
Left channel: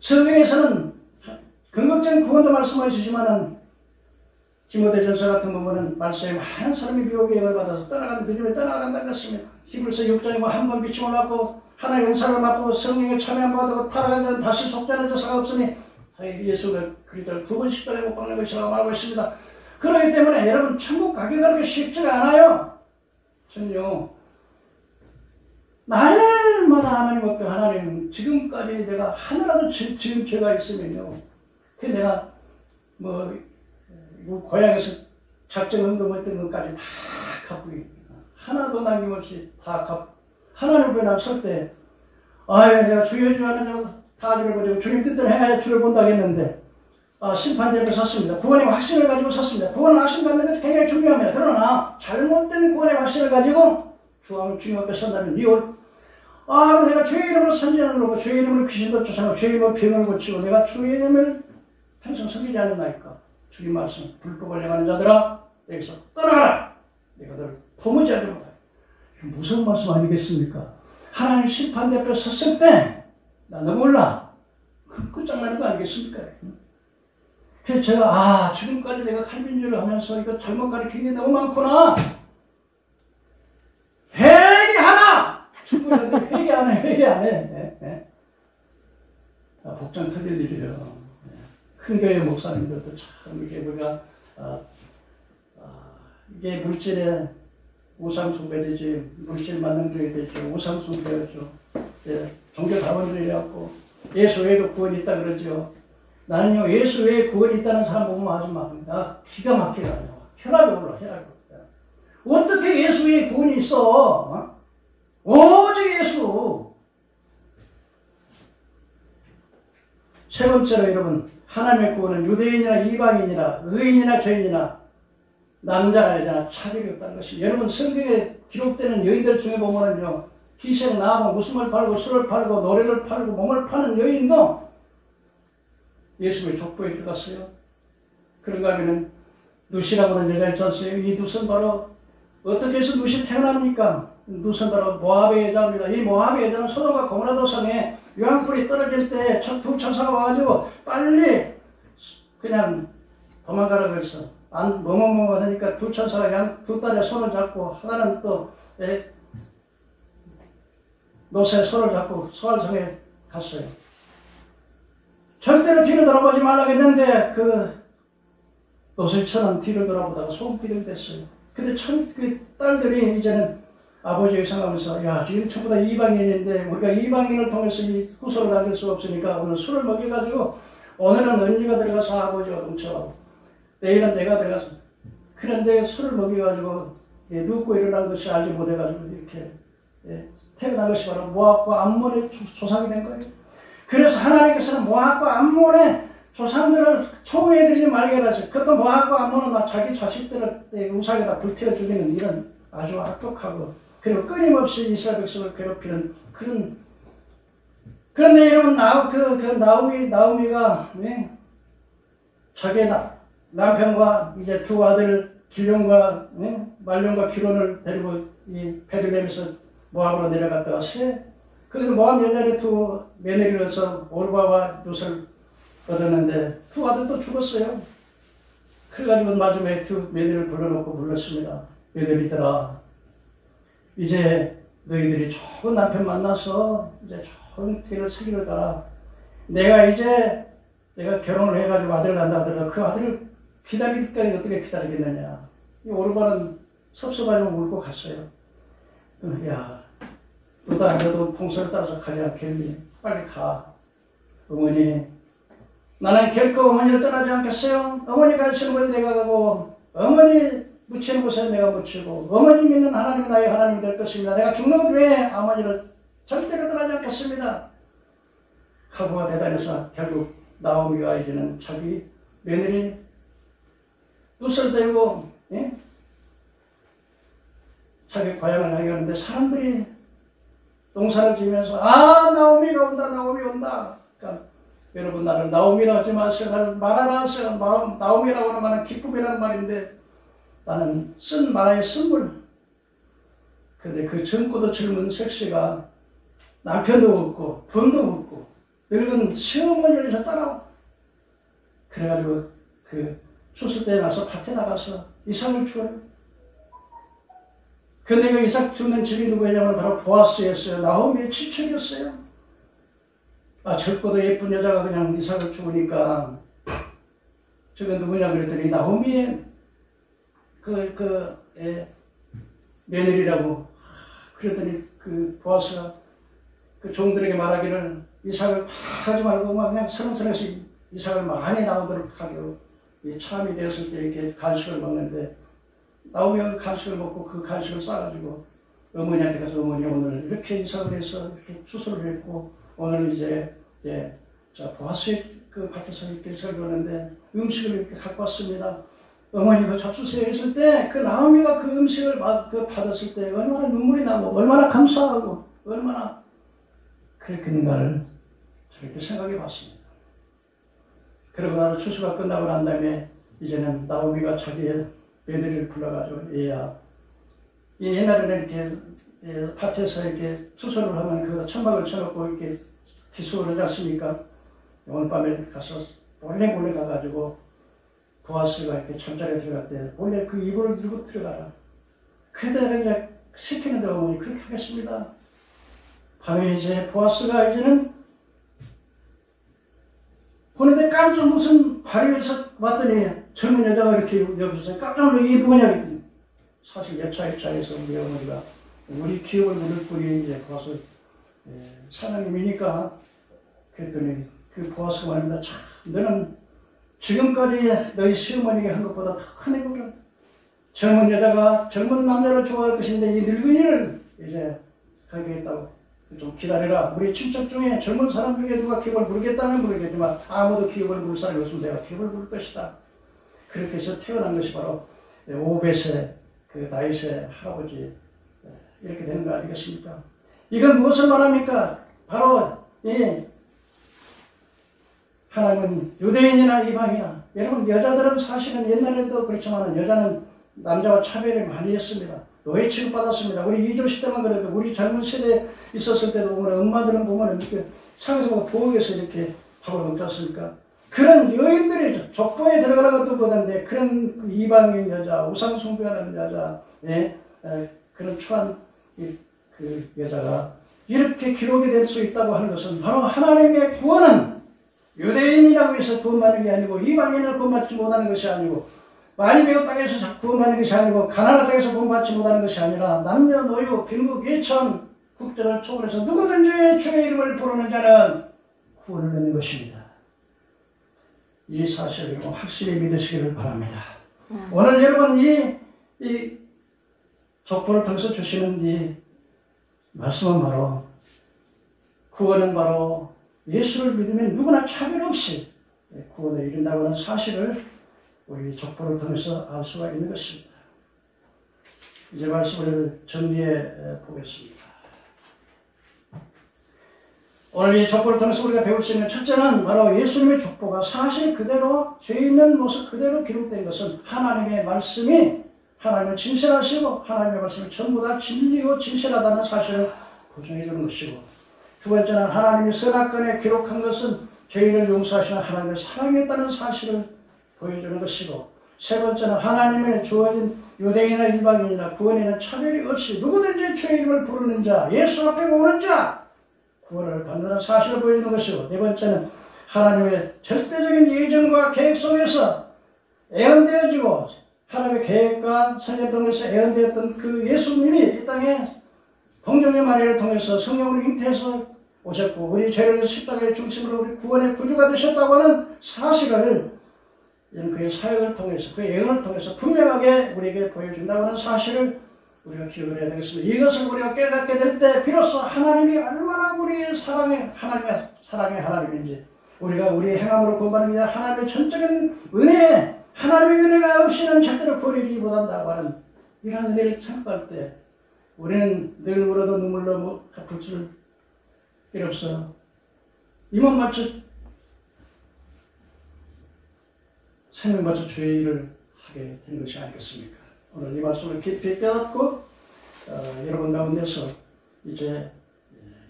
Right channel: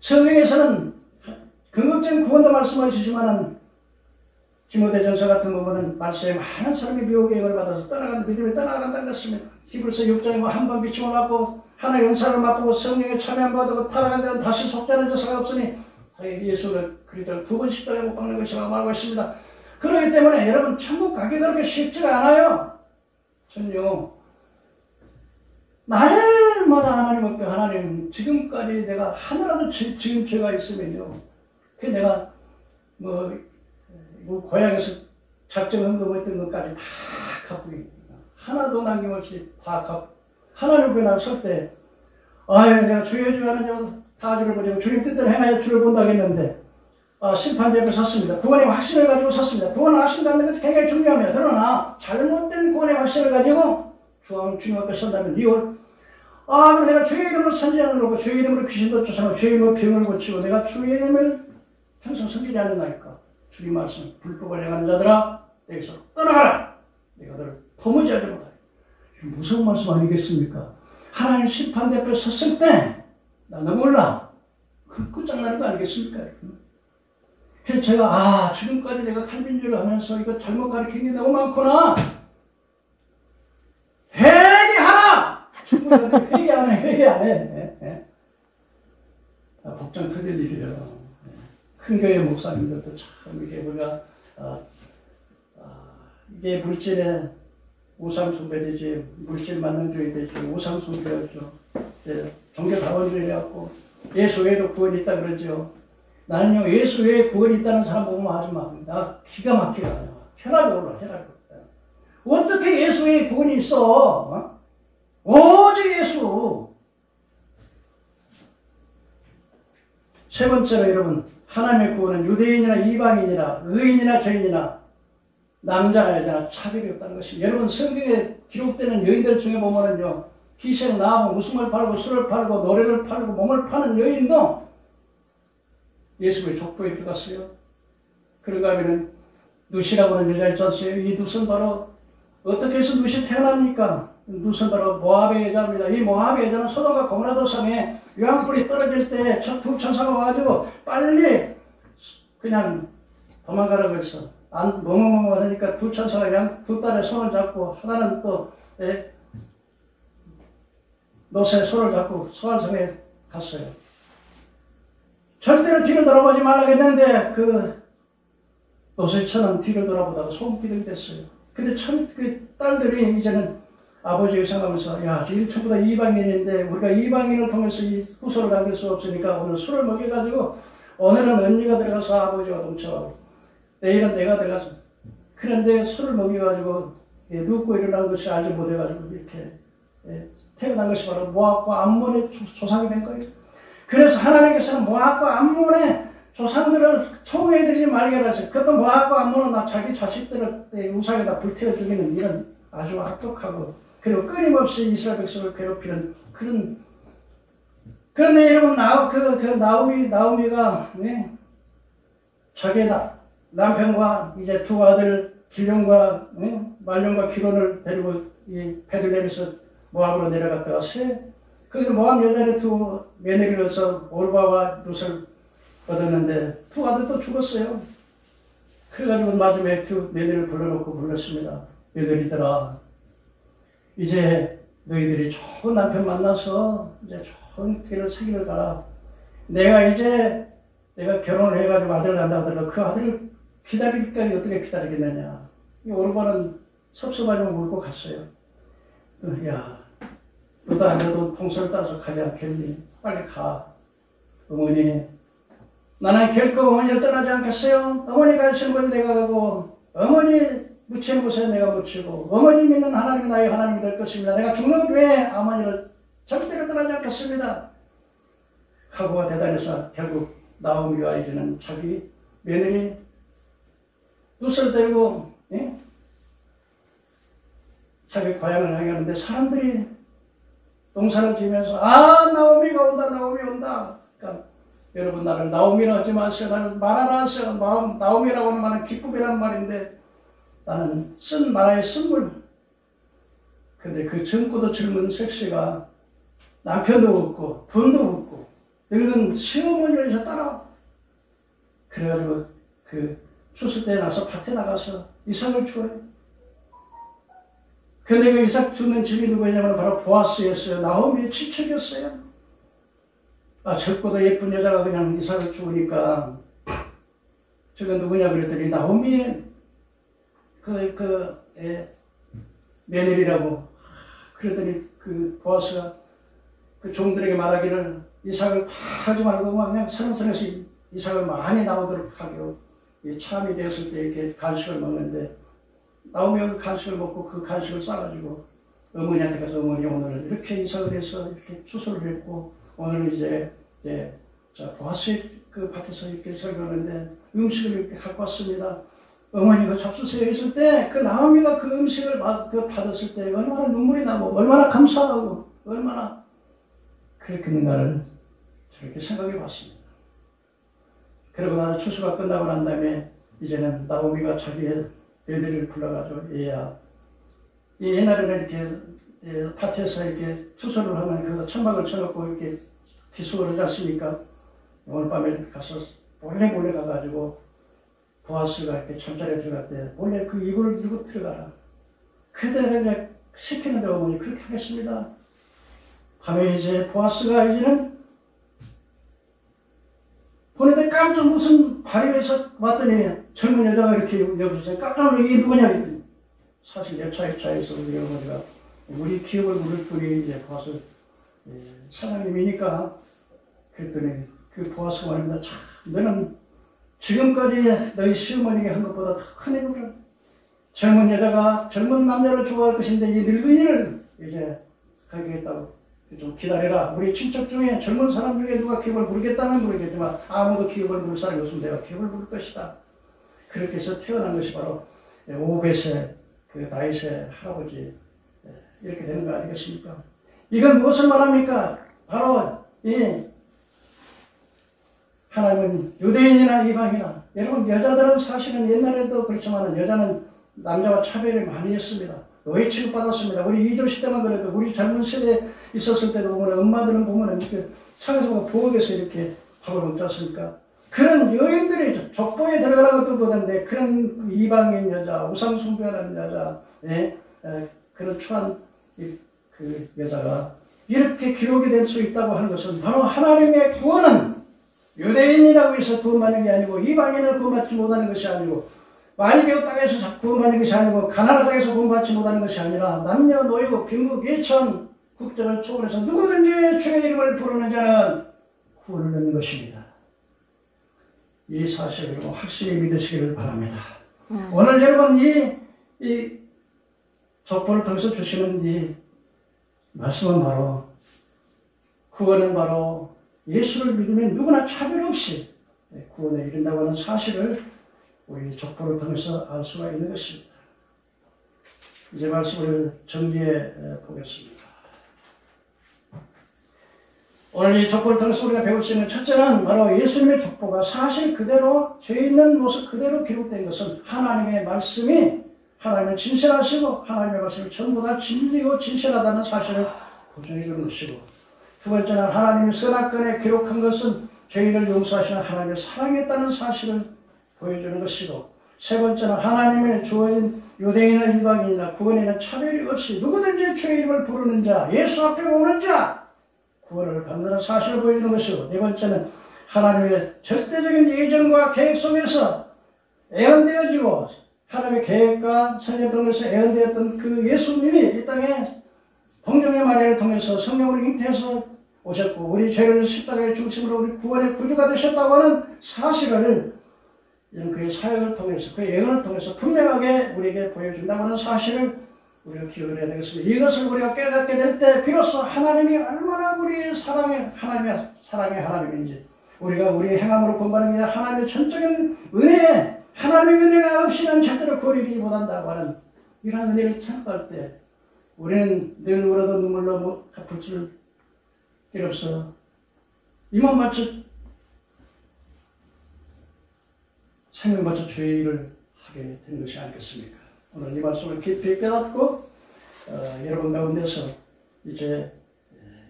성경에서는 궁극적인 구원도 말씀하시지만은 디모데전서 같은 부분은 말씀에 많은 사람이 미혹의 영을 받아서 떠나가는 믿음을 떠나간다는 것입니다. 히브리서 6장에 뭐 한 번 비침을 받고 하나님의 은사를 맛보고 성령에 참여한 받고 타락한 자는 다시 속자는 자사가 없으니 예수를 그리스도를 두 번 십자가에 못 박는 것이라고 말하고 있습니다. 그렇기 때문에 여러분 천국 가기 그렇게 쉽지가 않아요. 전요 날마다 하나님 앞에 하나님 지금까지 내가 하나라도 지은 죄가 있으면요 그 내가 뭐 고향에서 작정 헌금했던 것까지 다 갚고 하나도 남김없이 다 갚고 하나님 앞에 나설 때 아유 내가 주여 주여 하는 자는 다 주를 보고 주님 뜻대로 행하여 주를 본다 했는데 심판대 앞에 섰습니다. 구원의 확신을 가지고 섰습니다. 구원의 확신 갖는 것도 굉장히 중요합니다. 그러나 잘못된 구원의 확신을 가지고 주님 앞에 선다면 그럼 내가 주의 이름으로 선지자는 그러고 주의 이름으로 귀신도 쫓아내고 주의 이름으로 병을 고치고 내가 주의 이름을 평생 섬기지 않았나이까. 주님 말씀 불법을 행하는 자들아 여기서 떠나가라. 내가 너를 도무지 하지 못하리. 무서운 말씀 아니겠습니까? 하나님 심판대 앞에 섰을 때 나 너 몰라. 그 끝장나는 거 아니겠습니까? 그래서 제가 지금까지 내가 칼빈주의를 하면서 이거 잘못 가르친 게 너무 많구나. 회개하라! 회개 안 해. 복장 터질 일이에요. 큰 교회 목사님들도 참 이게 우리가 이게 물질에 우상 숭배되지 물질 만능주의 되지 우상 숭배였죠. 종교 다원주의 해갖고 예수 외에도 구원이 있다 그러죠. 나는요 예수 외에 구원이 있다는 사람 보면 하지 마. 나 기가 막히게 하냐. 혈압이 올라. 어떻게 예수 외에 구원이 있어? 오직 예수. 세 번째로 여러분 하나님의 구원은 유대인이나 이방인이나 의인이나 죄인이나 남자나 여자나 차별이 없다는 것입니다. 여러분 성경에 기록되는 여인들 중에 보면은요 희생 나하고 웃음을 팔고 술을 팔고 노래를 팔고 몸을 파는 여인도 예수의 족보에 들어갔어요. 그런가 하면은 누시라고 하는 여자 있지 않습니까? 이 누스는 바로 어떻게 해서 누시 태어납니까? 누스는 바로 모압의 여자입니다. 이 모압의 여자는 소돔과 고모라 성에 유황불이 떨어질 때 두 천사가 와가지고 빨리 그냥 도망가라고 했어. 뭐뭐뭐 하니까 두 천사가 두 딸의 손을 잡고 하나는 또 노새의 손을 잡고 소알성에 갔어요. 절대로 뒤를 돌아보지 말라고 했는데 그 노새의 처는 뒤를 돌아보다가 소금기둥이 됐어요. 근데 그 딸들이 이제는 아버지를 생각하면서 지금 전부 다 이방인인데 우리가 이방인을 통해서 이 후손을 남길 수 없으니까 오늘 술을 먹여가지고 오늘은 언니가 들어가서 아버지가 동쳐 내일은 내가 들어가서 그런데 술을 먹여가지고 눕고 일어난 것이 알지 못해가지고 이렇게 태어난 것이 바로 모압과 암몬의 조상이 된 거예요. 그래서 하나님께서는 모압과 암몬의 조상들을 총애해드리지 말게 하셨어요. 그것도 모압과 암몬은 자기 자식들을 우상에다 불태워 죽이는 이런 아주 악독하고 그리고 끊임없이 이스라엘 백성을 괴롭히는 그런데 여러분 나오미가 자기 남편과 이제 두 아들 길룡과 말룡과 기론을 데리고 이 베들레헴에서 모압으로 내려갔다가 거기서 모압 여자의 두 며느리를 얻어서 오르바와 룻을 얻었는데 두 아들도 죽었어요. 그래가지고 마지막에 두 며느리를 불러놓고 불렀습니다. 며느리들아 이제 너희들이 좋은 남편 만나서 이제 좋은 길을 새기를 가라. 내가 결혼을 해가지고 아들을 낳는다 하더라도 그 아들을 기다릴까지 어떻게 기다리겠느냐. 이 오르바는 섭섭하지만 울고 갔어요. 너도 풍선을 따라서 가지 않겠니? 빨리 가. 어머니, 나는 결코 어머니를 떠나지 않겠어요. 어머니 가르치는 곳에 내가 가고, 어머니 묻히는 곳에 내가 묻히고, 어머니 믿는 하나님이 나의 하나님이 될 것입니다. 내가 죽는 것 외에 어머니를 절대로 떠나지 않겠습니다. 각오가 대단해서 결국 나오미가 이제는 자기 며느리 뚜슬 들고 자기 고향을 향해 가는데 사람들이 농사를 지면서 나오미가 온다, 나오미 온다. 그러니까 여러분, 나를 나오미라고 하지 마세요. 나를 마라라 하세요. 나오미라고 하는 말은 기쁨이라는 말인데 나는 쓴 마라의 쓴물. 근데 그 젊고도 젊은 색시가 남편도 없고 돈도 없고 늙은 시어머니를 이제 따라와. 그래가지고 그 추수 때 나서 밭에 나가서 이삭을 주어요. 근데 그 이삭 주는 집이 누구냐면 바로 보아스였어요. 나오미의 친척이었어요. 젊고도 예쁜 여자가 그냥 이삭을 주니까 저건 누구냐 그랬더니 나오미의 며느리라고. 그랬더니 그 보아스가 그 종들에게 말하기를 이삭을 하지 말고 그냥 서름서름해서 이삭을 많이 나오도록 하고 참이 되었을 때 이렇게 간식을 먹는데 나오미가 그 간식을 먹고 그 간식을 싸가지고 어머니한테 가서 어머니 오늘 이렇게 이삭을 해서 이렇게 추수를 했고 오늘 이제 보아스의 그 밭에서 이렇게 설교하는데 음식을 이렇게 갖고 왔습니다. 어머니가 잡수세요 했을 때 그 나오미가 그 음식을 받았을 때 얼마나 눈물이 나고 얼마나 감사하고 얼마나 그랬겠는가를 저렇게 생각해 봤습니다. 그러고 나서 추수가 끝나고 난 다음에 이제는 나오미가 자기의 며느리를 불러가지고 얘야, 옛날에는 이렇게 밭에서 이렇게 추수를 하면 그 천막을 쳐놓고 이렇게 기수를 하지 않습니까? 오늘 밤에 가서 몰래 가가지고 보아스가 이렇게 잠자리에 들어갈 때 몰래 그 이불을 들고 들어가라. 그대로 이제 시키는 대로 어머니 그렇게 하겠습니다. 밤에 이제 보아스가 이제는 보는데 깜짝 무슨 발에서 왔더니 젊은 여자가 이렇게 여기서 깜짝 놀라 이게 누구냐 그랬더니 사실 여차에서 우리 어머니가 우리 기업을 물을 뿐이 이제 보아스 사장님이니까 그랬더니 그 보아스가 말입니다. 참 너는 지금까지 너희 시어머니가 한 것보다 더 큰 행복을 젊은 여자가 젊은 남자를 좋아할 것인데 이 늙은이를 이제 가겠다고 좀 기다려라. 우리 친척 중에 젊은 사람 중에 누가 기업을 부르겠다는 모르겠지만 아무도 기업을 부를 사람이 없으면 내가 기업을 부를 것이다. 그렇게 해서 태어난 것이 바로 오벳의 그 다윗의 할아버지 이렇게 되는 거 아니겠습니까? 이건 무엇을 말합니까? 바로 이 하나님은 유대인이나 이방이나 여러분 여자들은 사실은 옛날에도 그렇지만 여자는 남자와 차별이 많이 했습니다. 노예 취급받았습니다. 우리 이조 시대만 그래도 우리 젊은 세대에 있었을 때도 보면 엄마들은 보면 이렇게 상에서 보면 부엌에서 이렇게 밥을 먹지 않습니까? 그런 여인들이 족보에 들어가는 것도 보던데 그런 이방인 여자, 우상숭배하는 여자, 그런 추한 그 여자가 이렇게 기록이 될 수 있다고 하는 것은 바로 하나님의 구원은 유대인이라고 해서 구원받는 게 아니고 이방인을 구원받지 못하는 것이 아니고 많이 배운 땅에서 구원받는 것이 아니고 가나안 땅에서 구원받지 못하는 것이 아니라 남녀 노유 빈국 예천 국적을 초월해서 누구든지 주의 이름을 부르는 자는 구원을 얻는 것입니다. 이 사실을 확실히 믿으시기를 바랍니다. 오늘 여러분 이 족보를 통해서 주시는 이 말씀은 바로 구원은 바로 예수를 믿으면 누구나 차별 없이 구원에 이른다고 하는 사실을 우리 족보를 통해서 알 수가 있는 것입니다. 이제 말씀을 정리해 보겠습니다. 오늘 이 족보를 통해서 우리가 배울 수 있는 첫째는 바로 예수님의 족보가 사실 그대로 죄 있는 모습 그대로 기록된 것은 하나님의 말씀이 하나님은 진실하시고 하나님의 말씀이 전부 다 진리고 진실하다는 사실을 보증해 주는 것이고 두 번째는 하나님이 선악간에 기록한 것은 죄인을 용서하시는 하나님을 사랑했다는 사실을 보여주는 것이고 세 번째는 하나님의 주어진 유대인이나 이방인이나 구원에는 차별이 없이 누구든지 주의 이름을 부르는 자 예수 앞에 오는 자 구원을 받는 사실을 보여주는 것이고 네 번째는 하나님의 절대적인 예정과 계획 속에서 애언되어지고 하나님의 계획과 선행 통해서 애언되었던 그 예수님이 이 땅에 동정의 마리아를 통해서 성령으로 잉태해서 오셨고 우리 죄를 십자가의 중심으로 우리 구원의 구주가 되셨다고 하는 사실을 그의 사역을 통해서 그의 예언을 통해서 분명하게 우리에게 보여준다고 하는 사실을 우리가 기억을 해야 되겠습니다. 이것을 우리가 깨닫게 될 때 비로소 하나님이 얼마나 우리의 하나님의 사랑의 하나님인지 우리가 우리의 행함으로 구원받는 게 아니라 하나님의 전적인 은혜, 하나님의 은혜가 없이는 절대로 구원이기 못한다고 하는 이런 은혜를 참고할 때 우리는 늘 울어도 눈물로 갚을 줄 일 없어. 이만 바쳐 생명 바쳐 주의 일을 하게 되는 것이 아니겠습니까? 오늘 이 말씀을 깊이 깨닫고 여러분 가운데서 이제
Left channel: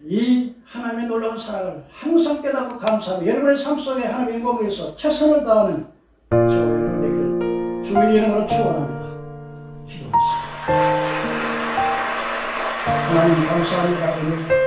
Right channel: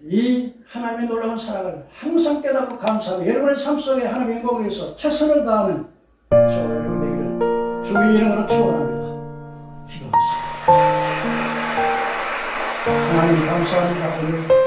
이 하나님의 놀라운 사랑을 항상 깨닫고 감사하고 여러분의 삶 속에 하나님의 영광을 위해서 최선을 다하는 저와 여러분 되기를 주의 이름으로 축원합니다. 기도하겠습니다. 하나님 감사합니다.